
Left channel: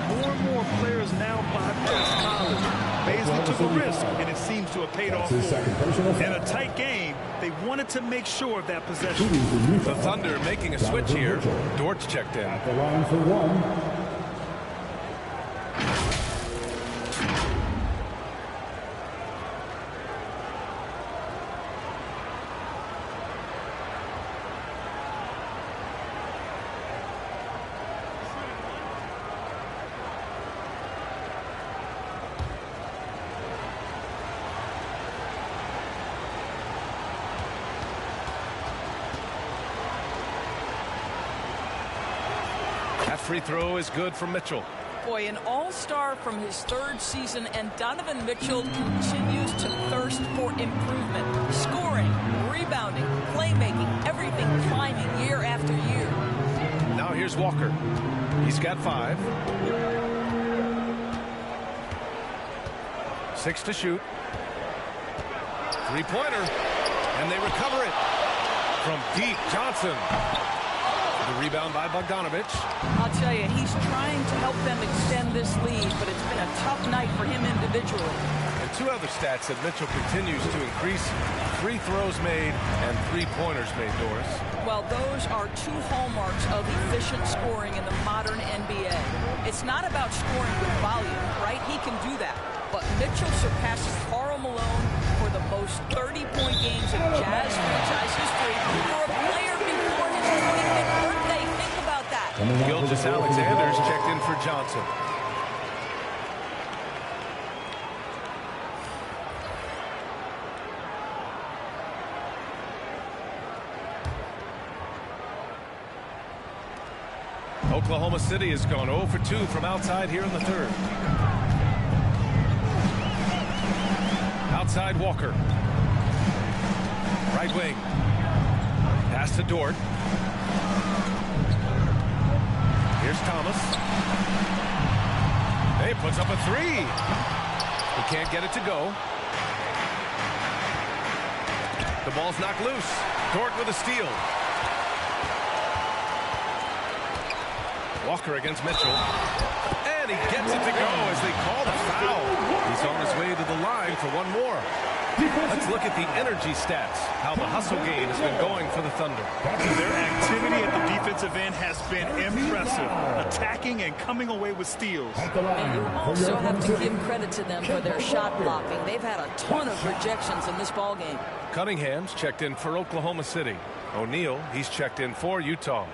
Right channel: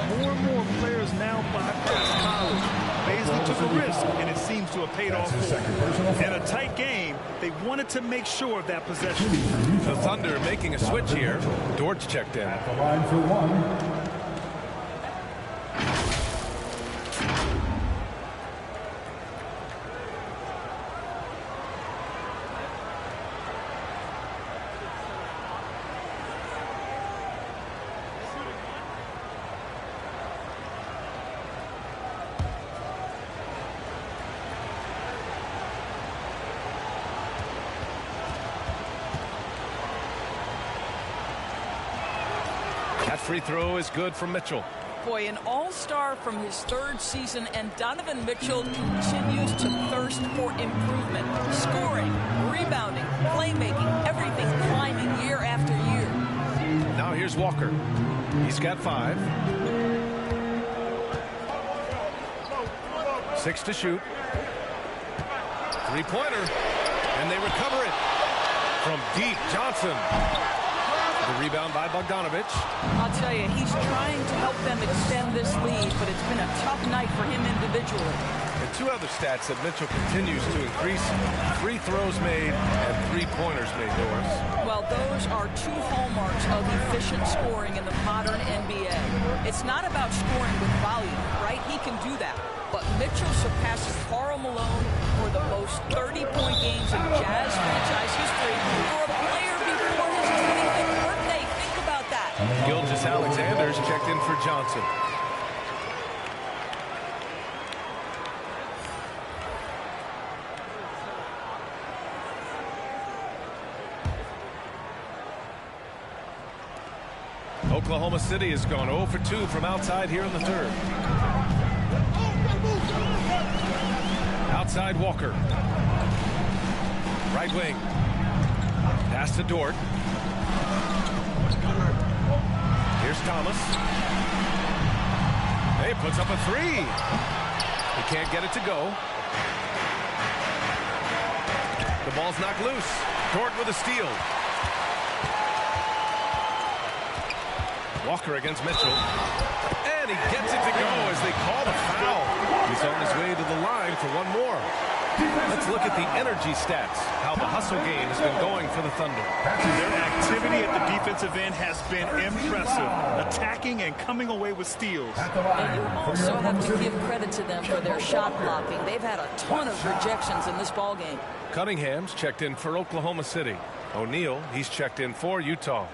More and more players now bypass college. Baisley took a risk, and it seems to have paid off for him. In a tight game, they wanted to make sure of that possession. The Thunder making a switch here. Dortch checked in. At the line for one. That free throw is good from Mitchell. Boy, an all-star from his third season, and Donovan Mitchell continues to thirst for improvement. Scoring, rebounding, playmaking, everything climbing year after year. Now here's Walker. He's got 5. 6 to shoot. 3-pointer. And they recover it. From deep, Johnson. The rebound by Bogdanovich. I'll tell you, he's trying to help them extend this lead, but it's been a tough night for him individually. And 2 other stats that Mitchell continues to increase: free throws made and 3-pointers made, Doris. Well, those are 2 hallmarks of efficient scoring in the modern NBA. It's not about scoring with volume, right? He can do that. But Mitchell surpasses Karl Malone for the most 30-point games in Jazz franchise history for a player before his 25th birthday. Think about that. Gilgeous-Alexander's checked in for Johnson. Oklahoma City has gone 0 for 2 from outside here in the third. Outside Walker. Right wing. Pass to Dort. Here's Thomas. Hey, puts up a 3. He can't get it to go. The ball's knocked loose. Dort with a steal. Walker against Mitchell. And he gets it to go as they call the foul. He's on his way to the line for one more. Let's look at the energy stats, how the hustle game has been going for the Thunder. Their activity at the defensive end has been impressive, attacking and coming away with steals. And you also have to give credit to them for their shot blocking. They've had a ton of rejections in this ballgame. Cunningham's checked in for Oklahoma City. O'Neal, he's checked in for Utah.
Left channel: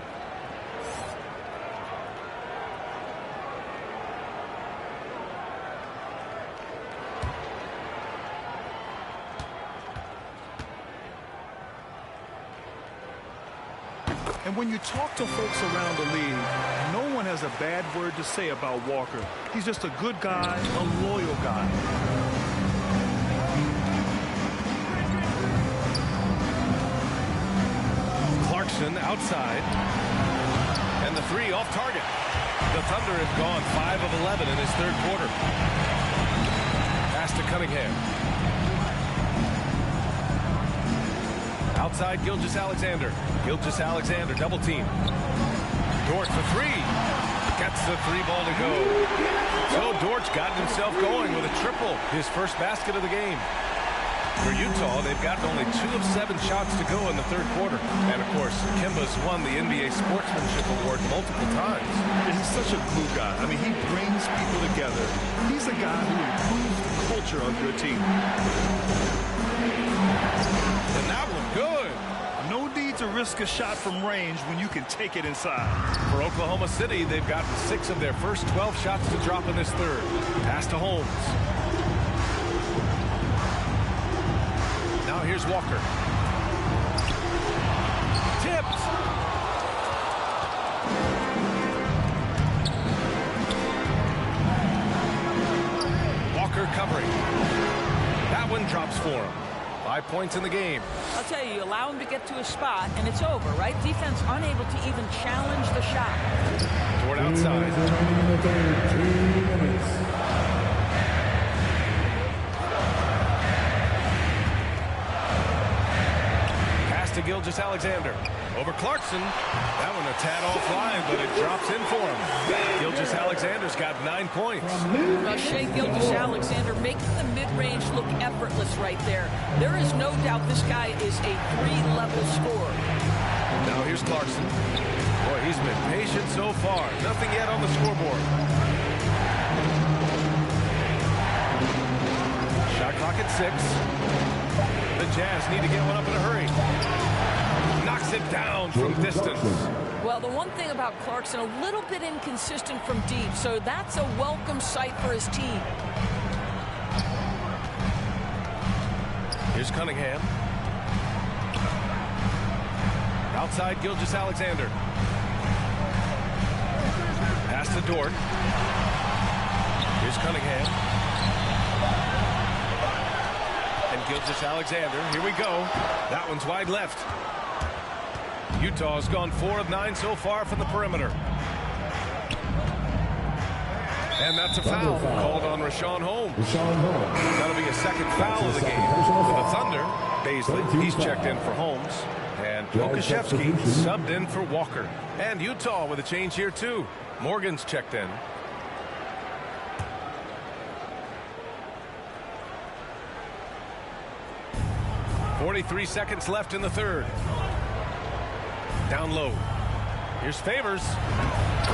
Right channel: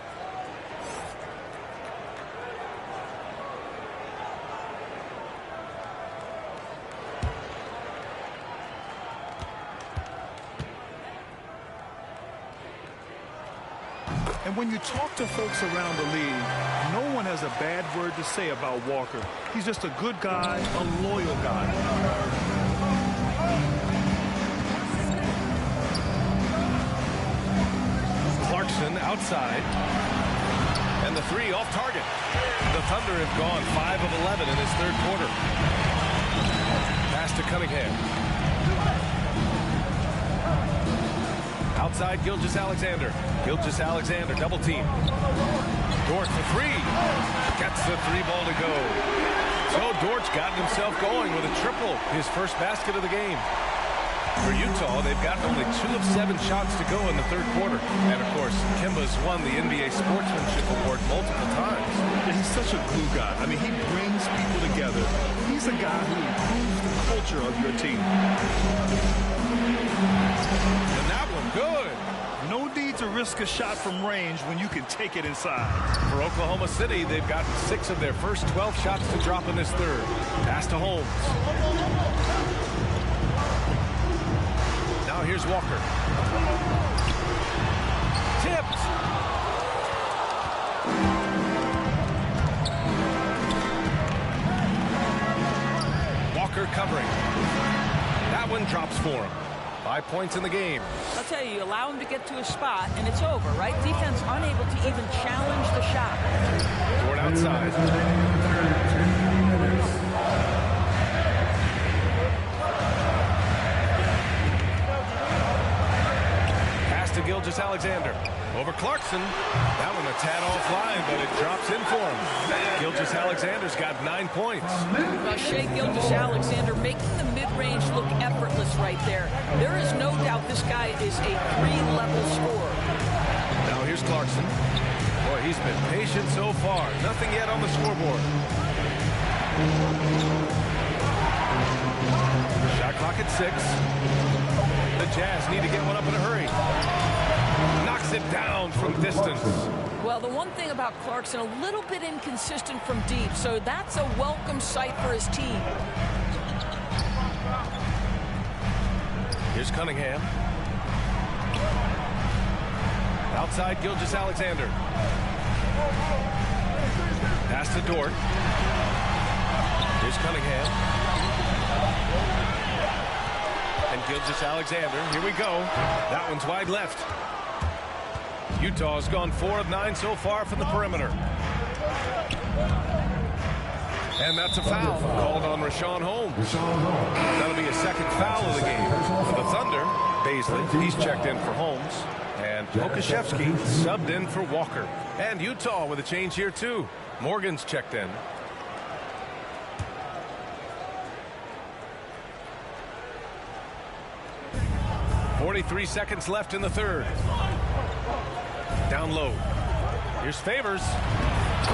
And when you talk to folks around the league, no one has a bad word to say about Walker. He's just a good guy, a loyal guy. Clarkson outside. And the 3 off target. The Thunder have gone 5 of 11 in his third quarter. Pass to Cunningham. Outside Gilgeous-Alexander. Gilgeous-Alexander double team. Dort for 3. Gets the 3 ball to go. So Dort's gotten himself going with a triple, his first basket of the game. For Utah, they've gotten only 2 of 7 shots to go in the third quarter. And, of course, Kemba's won the NBA Sportsmanship Award multiple times. And he's such a glue guy. I mean, he brings people together. He's a guy who improves the culture of your team. And that one good. No need to risk a shot from range when you can take it inside. For Oklahoma City, they've gotten 6 of their first 12 shots to drop in this third. Pass to Holmes. Now here's Walker. Tipped. Walker covering. That one drops for him. 5 points in the game. I'll tell you, you allow him to get to a spot, and it's over, right? Defense unable to even challenge the shot. Dort outside. Remaining in the third, 2 minutes. to Gilgeous-Alexander. Over Clarkson. That one a tad offline, but it drops in for him. Gilgeous-Alexander's got 9 points. Well, Shai Gilgeous-Alexander making the mid-range look effortless right there. There is no doubt this guy is a 3-level scorer. Now here's Clarkson. Boy, he's been patient so far. Nothing yet on the scoreboard. Shot clock at 6. The Jazz need to get one up in a hurry. Knocks it down from distance. Well, the one thing about Clarkson, a little bit inconsistent from deep, so that's a welcome sight for his team. Here's Cunningham. Outside Gilgeous-Alexander. Pass to Dort. Here's Cunningham. And Gilgeous-Alexander. Here we go. That one's wide left. Utah's gone 4 of 9 so far from the perimeter. And that's a foul called on Richaun Holmes. That'll be a second foul of the game. For the Thunder, Baisley, he's checked in for Holmes. And Pokashevsky subbed in for Walker. And Utah with a change here too. Morgan's checked in. .43 seconds left in the third. Down low. Here's Favors.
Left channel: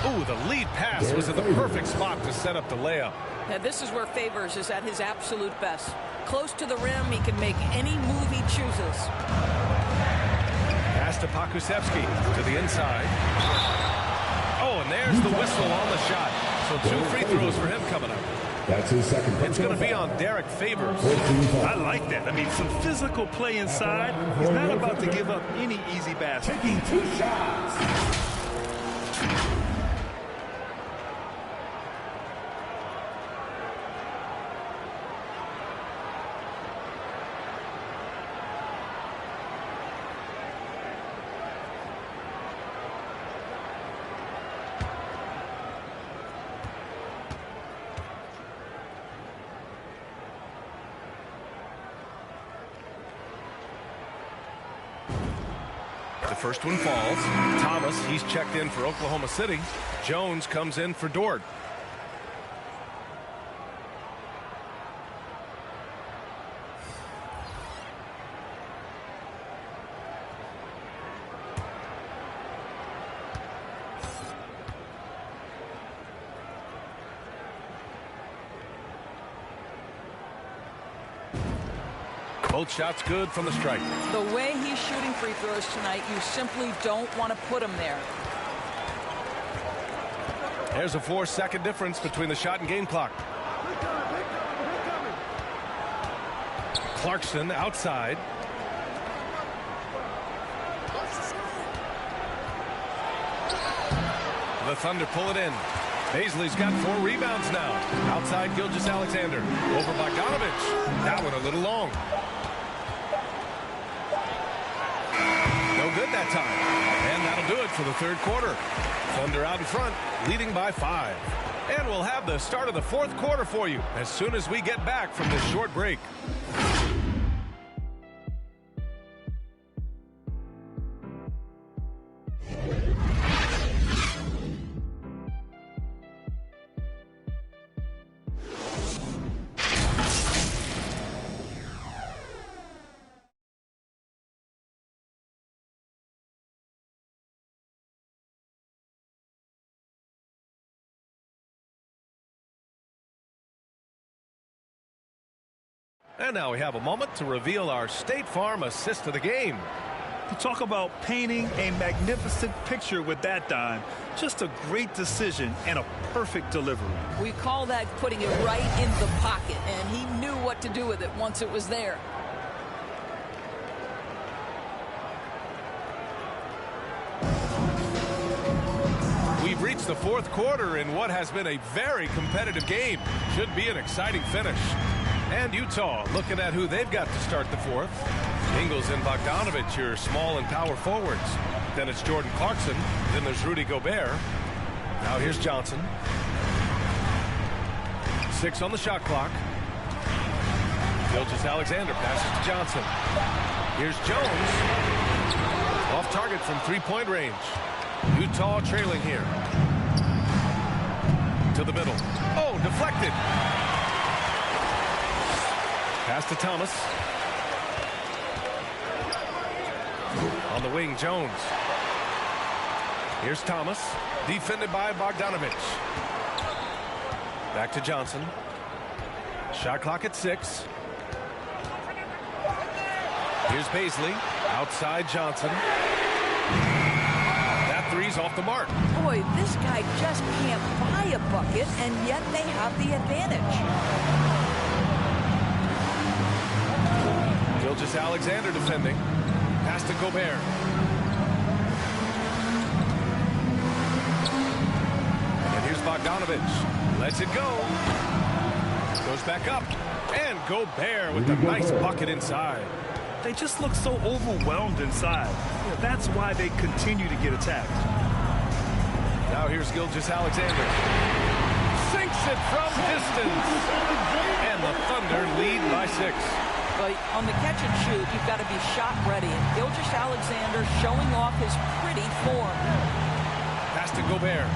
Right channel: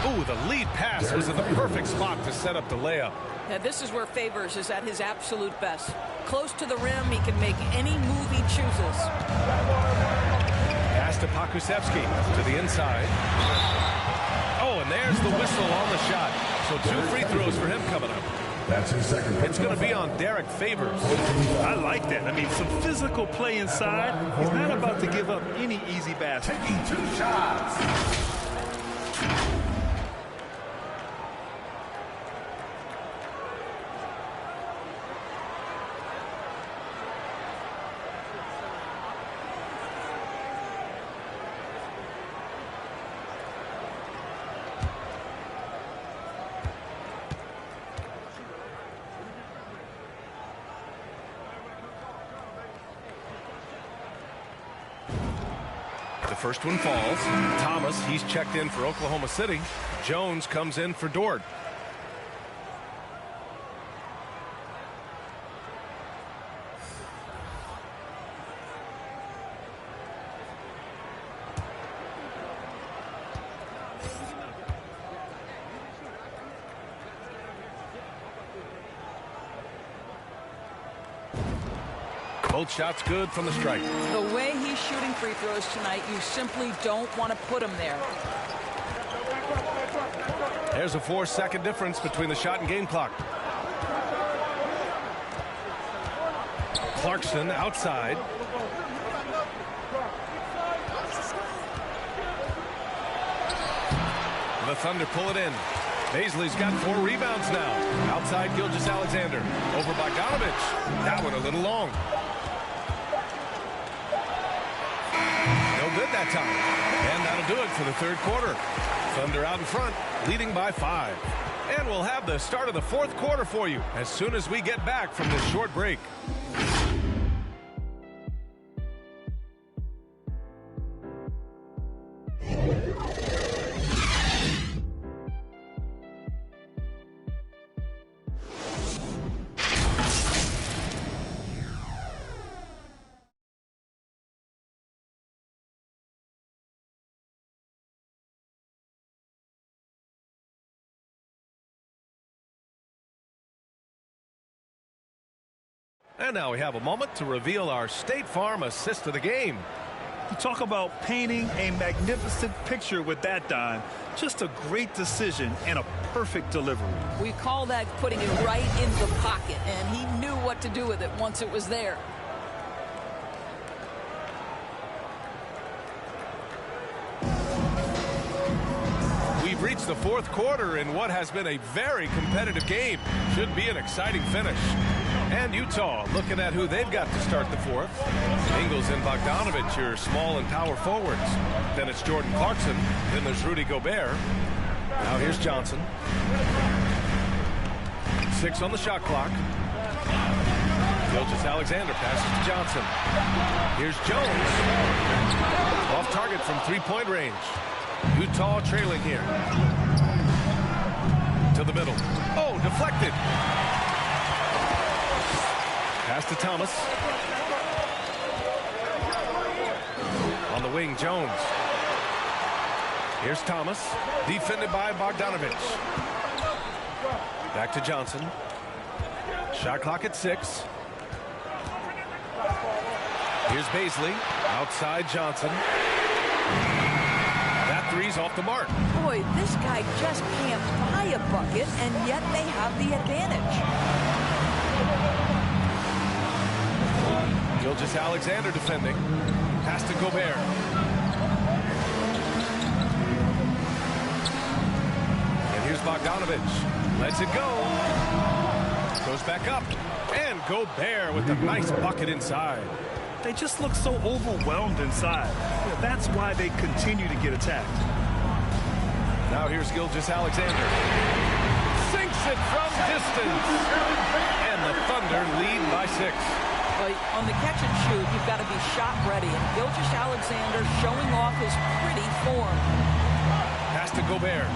Ooh, the lead pass was in the perfect spot to set up the layup. Now, this is where Favors is at his absolute best. Close to the rim, he can make any move he chooses. Pass to Pokusevski to the inside. Oh, and there's the whistle on the shot. So 2 free throws for him coming up. That's his second. It's going to be on Derek Favors. I like that. I mean, some physical play inside. He's not about to give up any easy basket. Taking 2 shots. The first one falls. Thomas, he's checked in for Oklahoma City. Jones comes in for Dort. Both shots good from the strike. The way he's shooting free throws tonight, you simply don't want to put him there. There's a 4-second difference between the shot and game clock. Clarkson outside. The Thunder pull it in. Baisley's got 4 rebounds now. Outside Gilgeous-Alexander. Over Bogdanovich. That one a little long. No good that time. And that'll do it for the third quarter. Thunder out in front, leading by 5. And we'll have the start of the fourth quarter for you as soon as we get back from this short break. And now we have a moment to reveal our State Farm assist of the game. You talk about painting a magnificent picture with that dime. Just a great decision and a perfect delivery. We call that putting it right in the pocket, and he knew what to do with it once it was there. We've reached the fourth quarter in what has been a very competitive game. Should be an exciting finish. And Utah looking at who they've got to start the fourth. Ingles and Bogdanovich, your small and power forwards. Then it's Jordan Clarkson. Then there's Rudy Gobert. Now here's Johnson. 6 on the shot clock. Gilgeous-Alexander passes to Johnson. Here's Jones. Off target from three-point range. Utah trailing here. To the middle. Oh, deflected. Pass to Thomas. On the wing, Jones. Here's Thomas. Defended by Bogdanovich. Back to Johnson. Shot clock at 6. Here's Baisley. Outside Johnson. That three's off the mark. Boy, this guy just can't buy a bucket, and yet they have the advantage. Gilgeous-Alexander defending. Pass to Gobert. And here's Bogdanovich. Lets it go. Goes back up. And Gobert with a nice bucket inside. They just look so overwhelmed inside. Yeah, that's why they continue to get attacked. Now here's Gilgeous-Alexander. Sinks it from distance. And the Thunder lead by 6. Well, on the catch and shoot, you've got to be shot ready. And Gilgeous-Alexander showing off his pretty form. Pass to Gobert.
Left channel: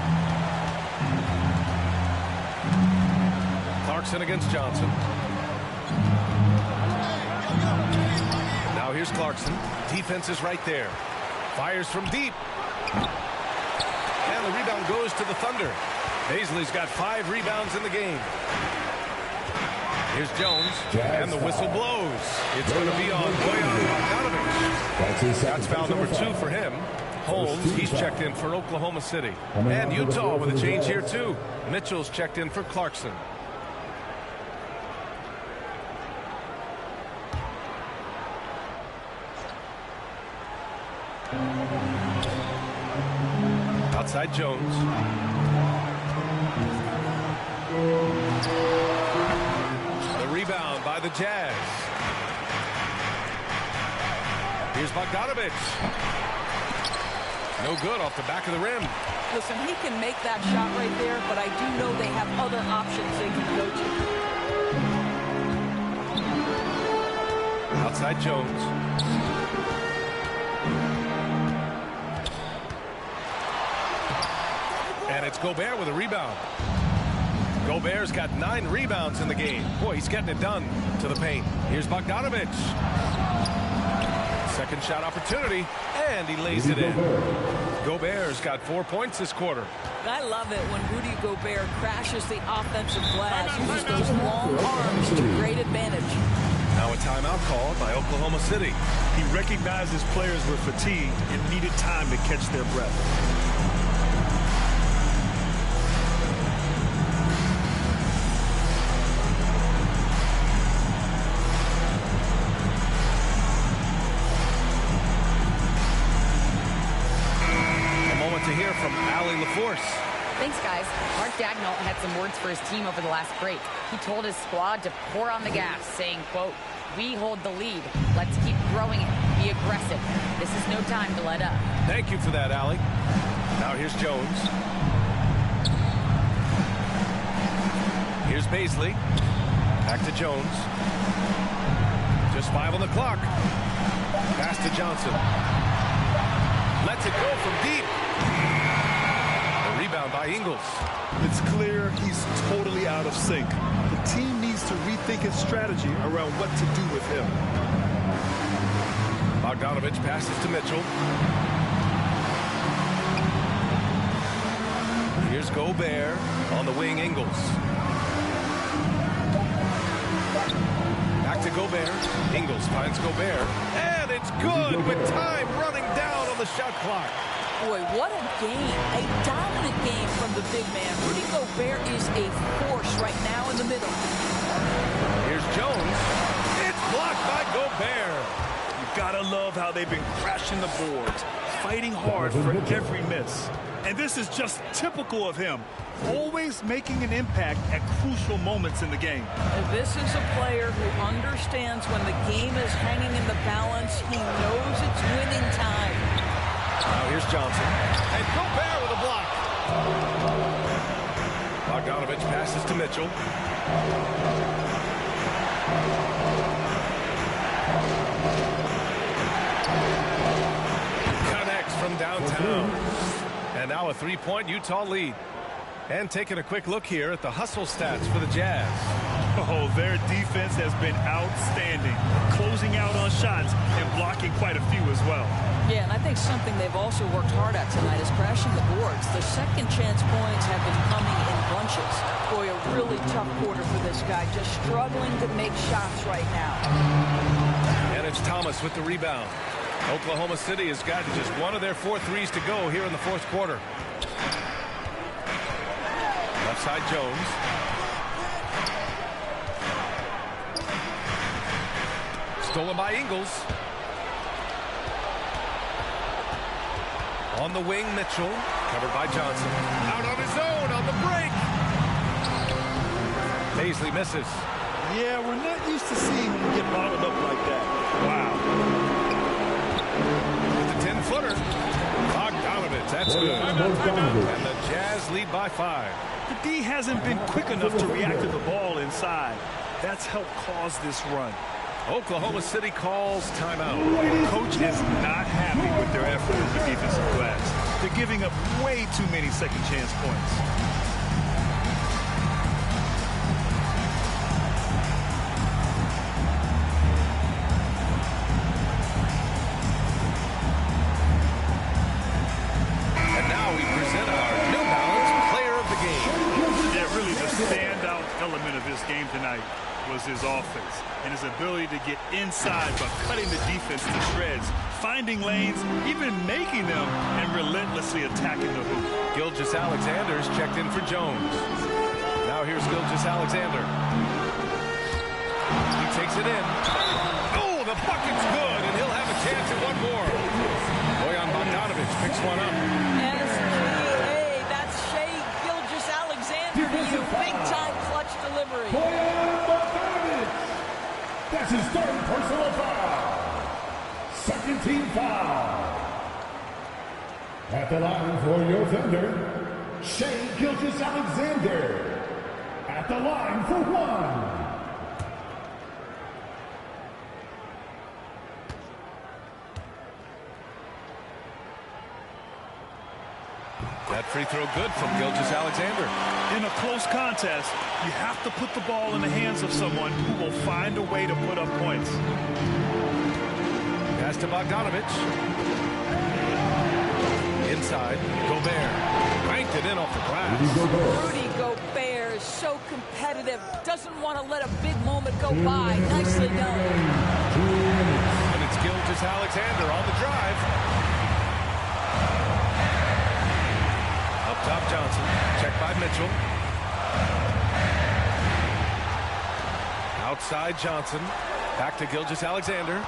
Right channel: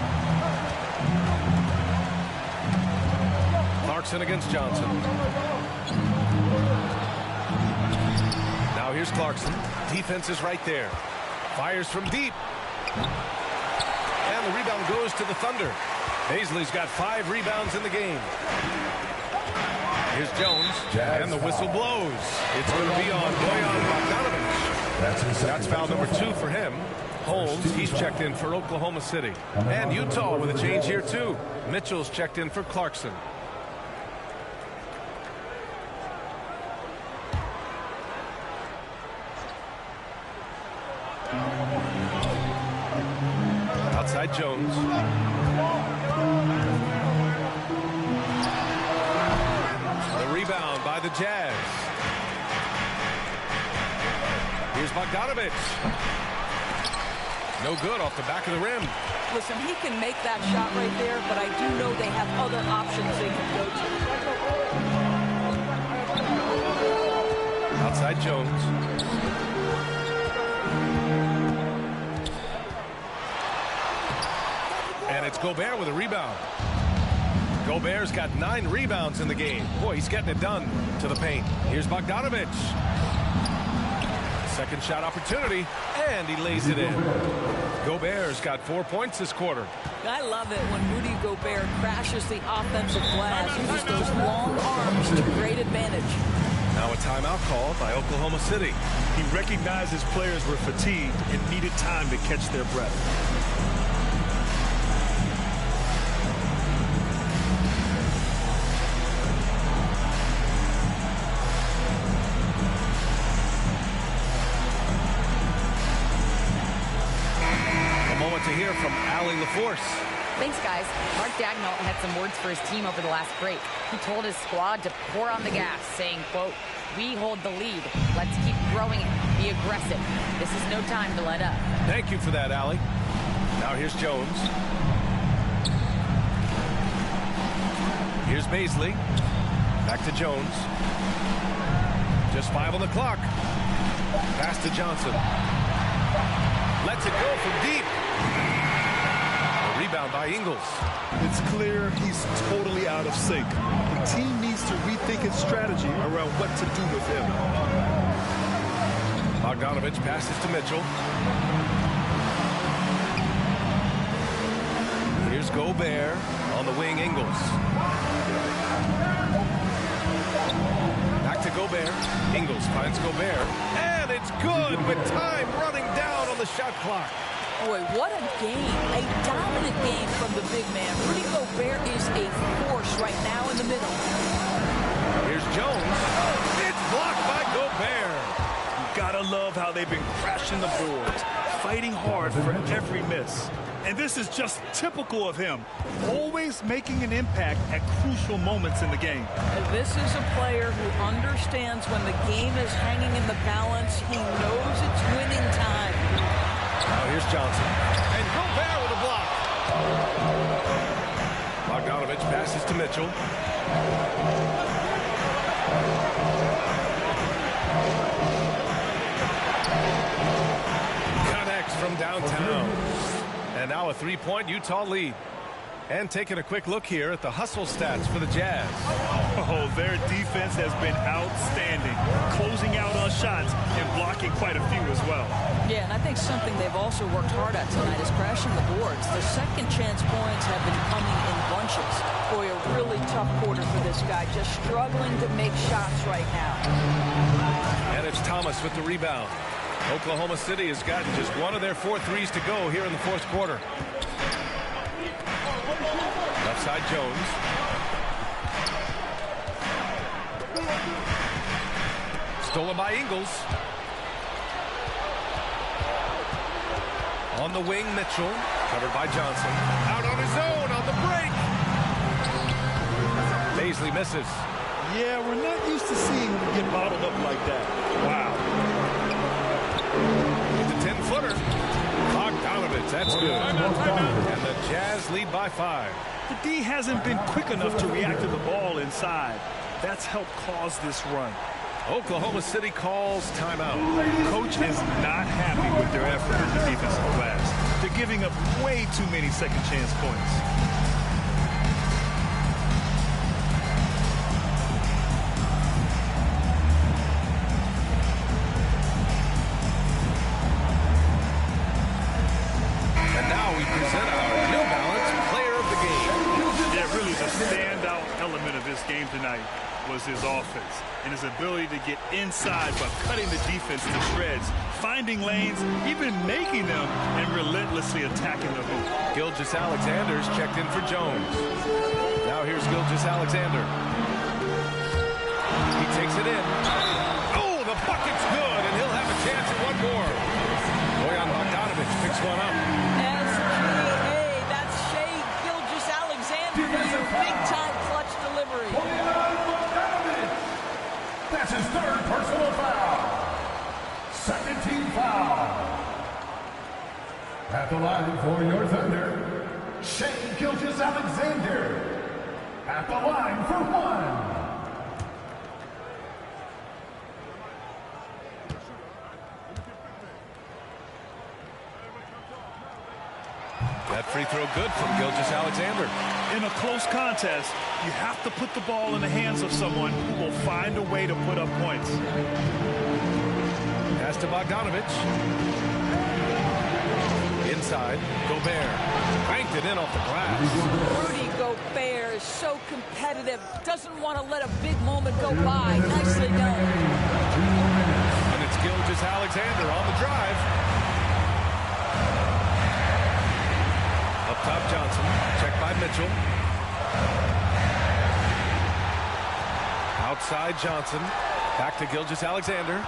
Clarkson against Johnson. Now here's Clarkson. Defense is right there. Fires from deep. And the rebound goes to the Thunder. Baisley's got 5 rebounds in the game. Here's Jones. And the whistle blows. It's going to be on Bojan Bogdanovich. That's foul number 2 for him. Holmes, he's checked in for Oklahoma City. And Utah with a change here too. Mitchell's checked in for Clarkson. Outside Jones. The rebound by the Jazz. Here's Bogdanovich. No good off the back of the rim. Listen, he can make that shot right there, but I do know they have other options they can go to. Outside Jones. And it's Gobert with a rebound. Gobert's got 9 rebounds in the game. Boy, he's getting it done to the paint. Here's Bogdanovich. Second shot opportunity, and he lays it in. Gobert's got 4 points this quarter. I love it when Rudy Gobert crashes the offensive glass, uses those long arms to great advantage. Now a timeout called by Oklahoma City. He recognized his players were fatigued and needed time to catch their breath. To hear from Allie LaForce. Thanks, guys. Mark Dagnall had some words for his team over the last break. He told his squad to pour on the gas, saying, quote, "We hold the lead. Let's keep growing it. Be aggressive. This is no time to let up." Thank you for that, Allie. Now here's Jones. Here's Baisley. Back to Jones. Just 5 on the clock. Pass to Johnson. Lets it go from deep. The rebound by Ingles. It's clear he's totally out of sync. The team needs to rethink its strategy around what to do with him. Bogdanovich passes to Mitchell. Here's Gobert on the wing, Ingles. Back to Gobert. Ingles finds Gobert. And it's good with time running down on the shot clock. Boy, what a game. A dominant game from the big man. Rudy Gobert is a force right now in the middle. Here's Jones. It's blocked by Gobert. You gotta love how they've been crashing the boards, fighting hard for every miss. And this is just typical of him, always making an impact at crucial moments in the game. And this is a player who understands when the game is hanging in the balance. He knows it's winning time. Now here's Johnson. And Gobert with a block. Bogdanovich passes to Mitchell. Connects from downtown. And now a three-point Utah lead. And taking a quick look here at the hustle stats for the Jazz. Oh, their defense has been outstanding, closing out on shots and blocking quite a few as well. Yeah, and I think something they've also worked hard at tonight is crashing the boards. The second chance points have been coming in bunches. Boy, a really tough quarter for this guy, just struggling to make shots right now. And it's Thomas with the rebound. Oklahoma City has gotten just one of their 4 threes to go here in the fourth quarter. Left side Jones. Stolen by Ingles. On the wing, Mitchell. Covered by Johnson. Out on his own on the break. Baisley misses. Yeah, we're not used to seeing him get bottled up like that. Wow. With the 10-footer. Bogdanovich, that's good. And the Jazz lead by 5. The D hasn't been quick enough to react to the ball inside. That's helped cause this run. Oklahoma City calls timeout. Coach is not happy with their effort on the defensive glass. They're giving up way too many second chance points. And now we present our New Balance Player of the Game. Yeah, really the standout element of this game tonight was his offense and his ability to get inside by cutting the defense to shreds, finding lanes, even making them, and relentlessly attacking the hoop. Gilgeous-Alexander's checked in for Jones. Now here's Gilgeous-Alexander. He takes it in. Oh, the bucket's good, and he'll have a chance at one more. Bojan Bogdanovich picks one up. SBA, that's Shai Gilgeous-Alexander to you. Big-time clutch delivery. Bojan Bogdanovich. That's his 3rd personal foul. 2nd team foul. At the line for your Thunder, Shai Gilgeous-Alexander. At the line for 1. That free throw good from Gilgeous-Alexander. In a close contest, you have to put the ball in the hands of someone who will find a way to put up points. Pass to Bogdanovich. Inside, Gobert. Cranked it in off the glass. Rudy Gobert is so competitive. Doesn't want to let a big moment go by. Nicely done. And it's Gilgeous-Alexander on the drive. Up top, Johnson. Checked by Mitchell. Outside, Johnson. Back to Gilgeous-Alexander.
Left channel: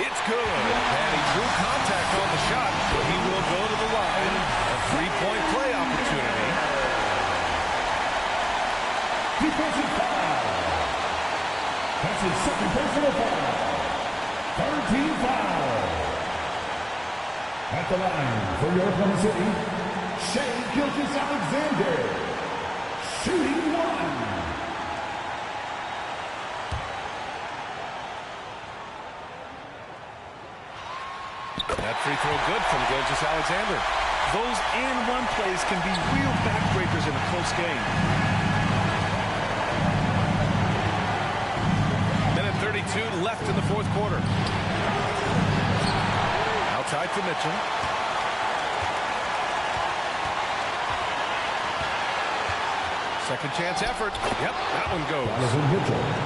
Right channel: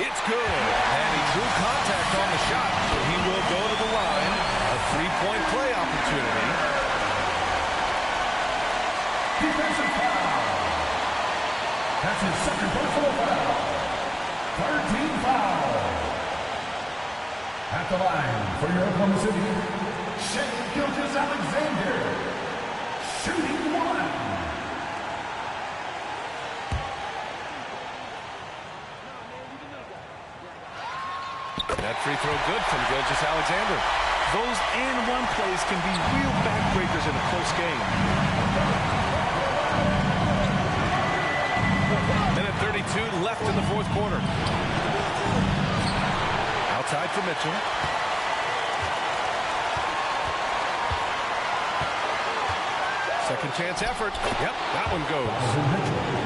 It's good. And he drew contact on the shot, so he will go to the line. A three-point play opportunity. Defensive foul. That's his 2nd personal foul. 3rd team foul. At the line for your Oklahoma City, Shai Gilgeous-Alexander, shooting 1. That free throw good from Gilgeous-Alexander. Those and-one plays can be real backbreakers in a close game. Minute 32 left in the fourth quarter. Outside for Mitchell. Second chance effort. Yep, that one goes.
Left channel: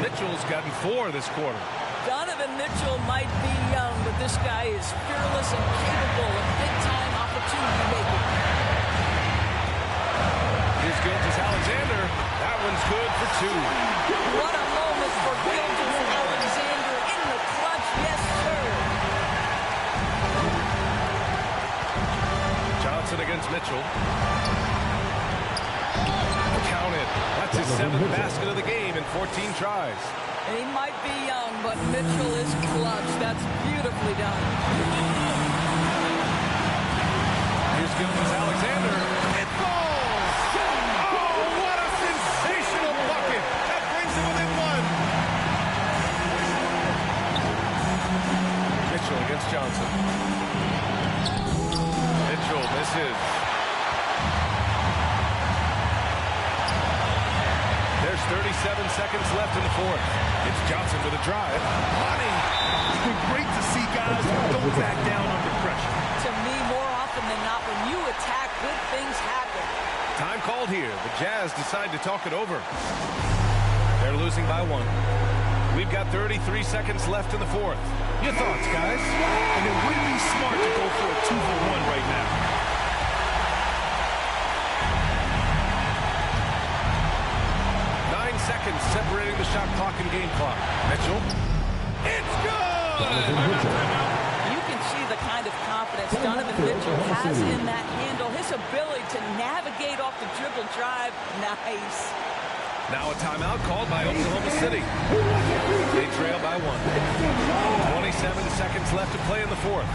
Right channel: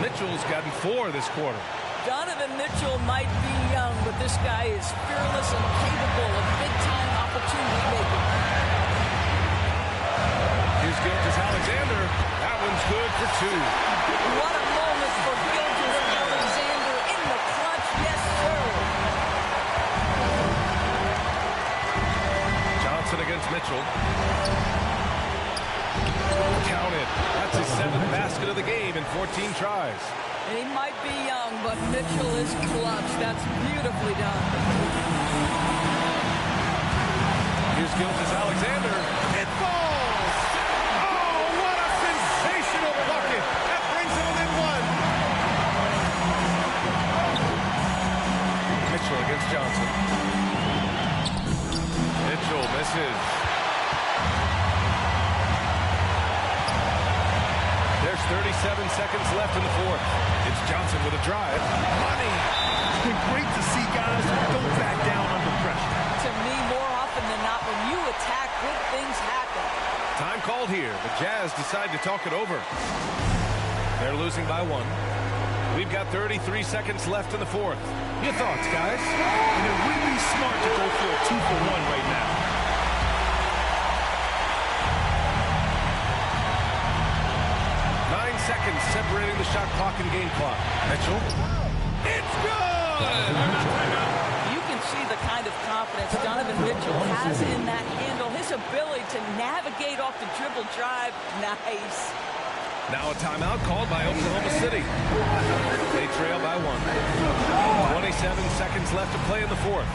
Mitchell's gotten 4 this quarter. Donovan Mitchell might be young, but this guy is fearless and capable of big-time opportunity making. Here's Gilgeous-Alexander. That one's good for 2. What a moment for Gilgeous-Alexander in the clutch. Yes, sir. Johnson against Mitchell. Counted. That's his 7th basket of the game in 14 tries. He might be young, but Mitchell is clutch. That's beautifully done. Here's Gilgeous-Alexander. It falls! Oh, what a Mitchell bucket. That brings him within one. Mitchell against Johnson. Mitchell misses. There's 37 seconds left in the fourth. It's Johnson with a drive. Money! Great to see guys who don't back down under pressure. To me, more often than not, when you attack, good things happen. Time called here. The Jazz decide to talk it over. They're losing by 1. We've got 33 seconds left in the fourth. Your thoughts, guys? And it would be smart to go for a 2-for-1 right now. Seconds separating the shot clock and game clock. Mitchell. It's good! You can see the kind of confidence Donovan Mitchell has in that handle. His ability to navigate off the dribble drive. Nice. Now a timeout called by Oklahoma City. They trail by 1. 27 seconds left to play in the fourth.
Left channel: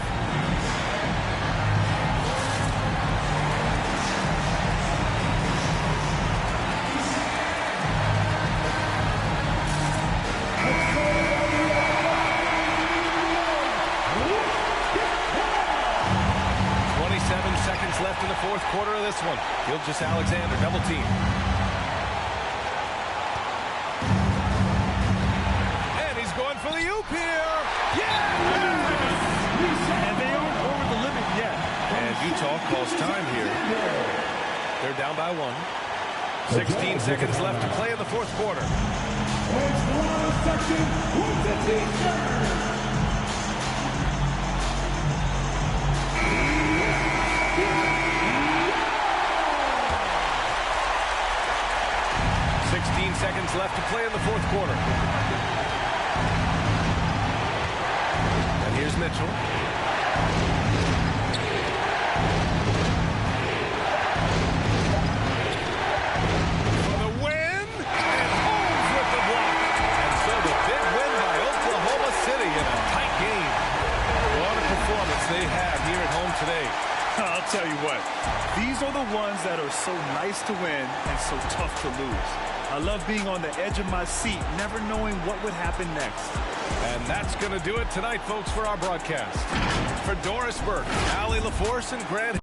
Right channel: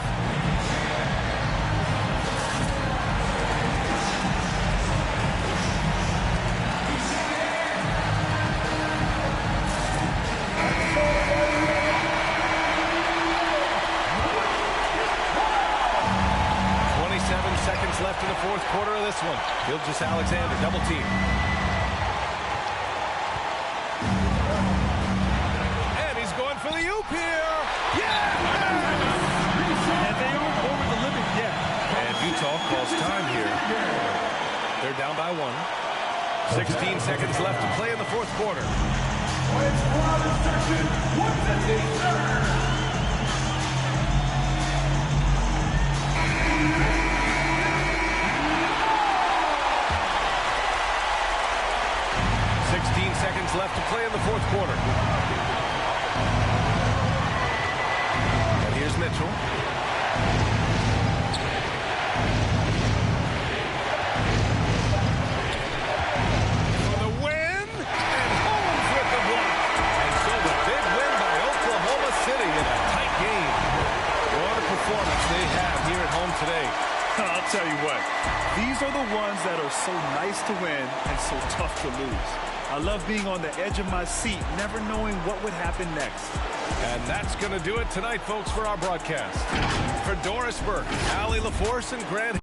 Seconds left in the fourth quarter of this one. Gilgeous-Alexander double team. And he's going for the oop here. Yes! And they aren't over the limit yet. And Utah calls time here. They're down by 1. 16 seconds left to play in the fourth quarter. Section, what's the t-shirt? 16 seconds left to play in the fourth quarter. And here's Mitchell. For the win, and Holmes with the block. And so the big win by Oklahoma City in a tight game. What a performance they have here at home today. I'll tell you what, these are the ones that are so nice to win and so tough to lose. I love being on the edge of my seat, never knowing what would happen next. And that's going to do it tonight, folks, for our broadcast. For Doris Burke, Allie LaForce, and Grant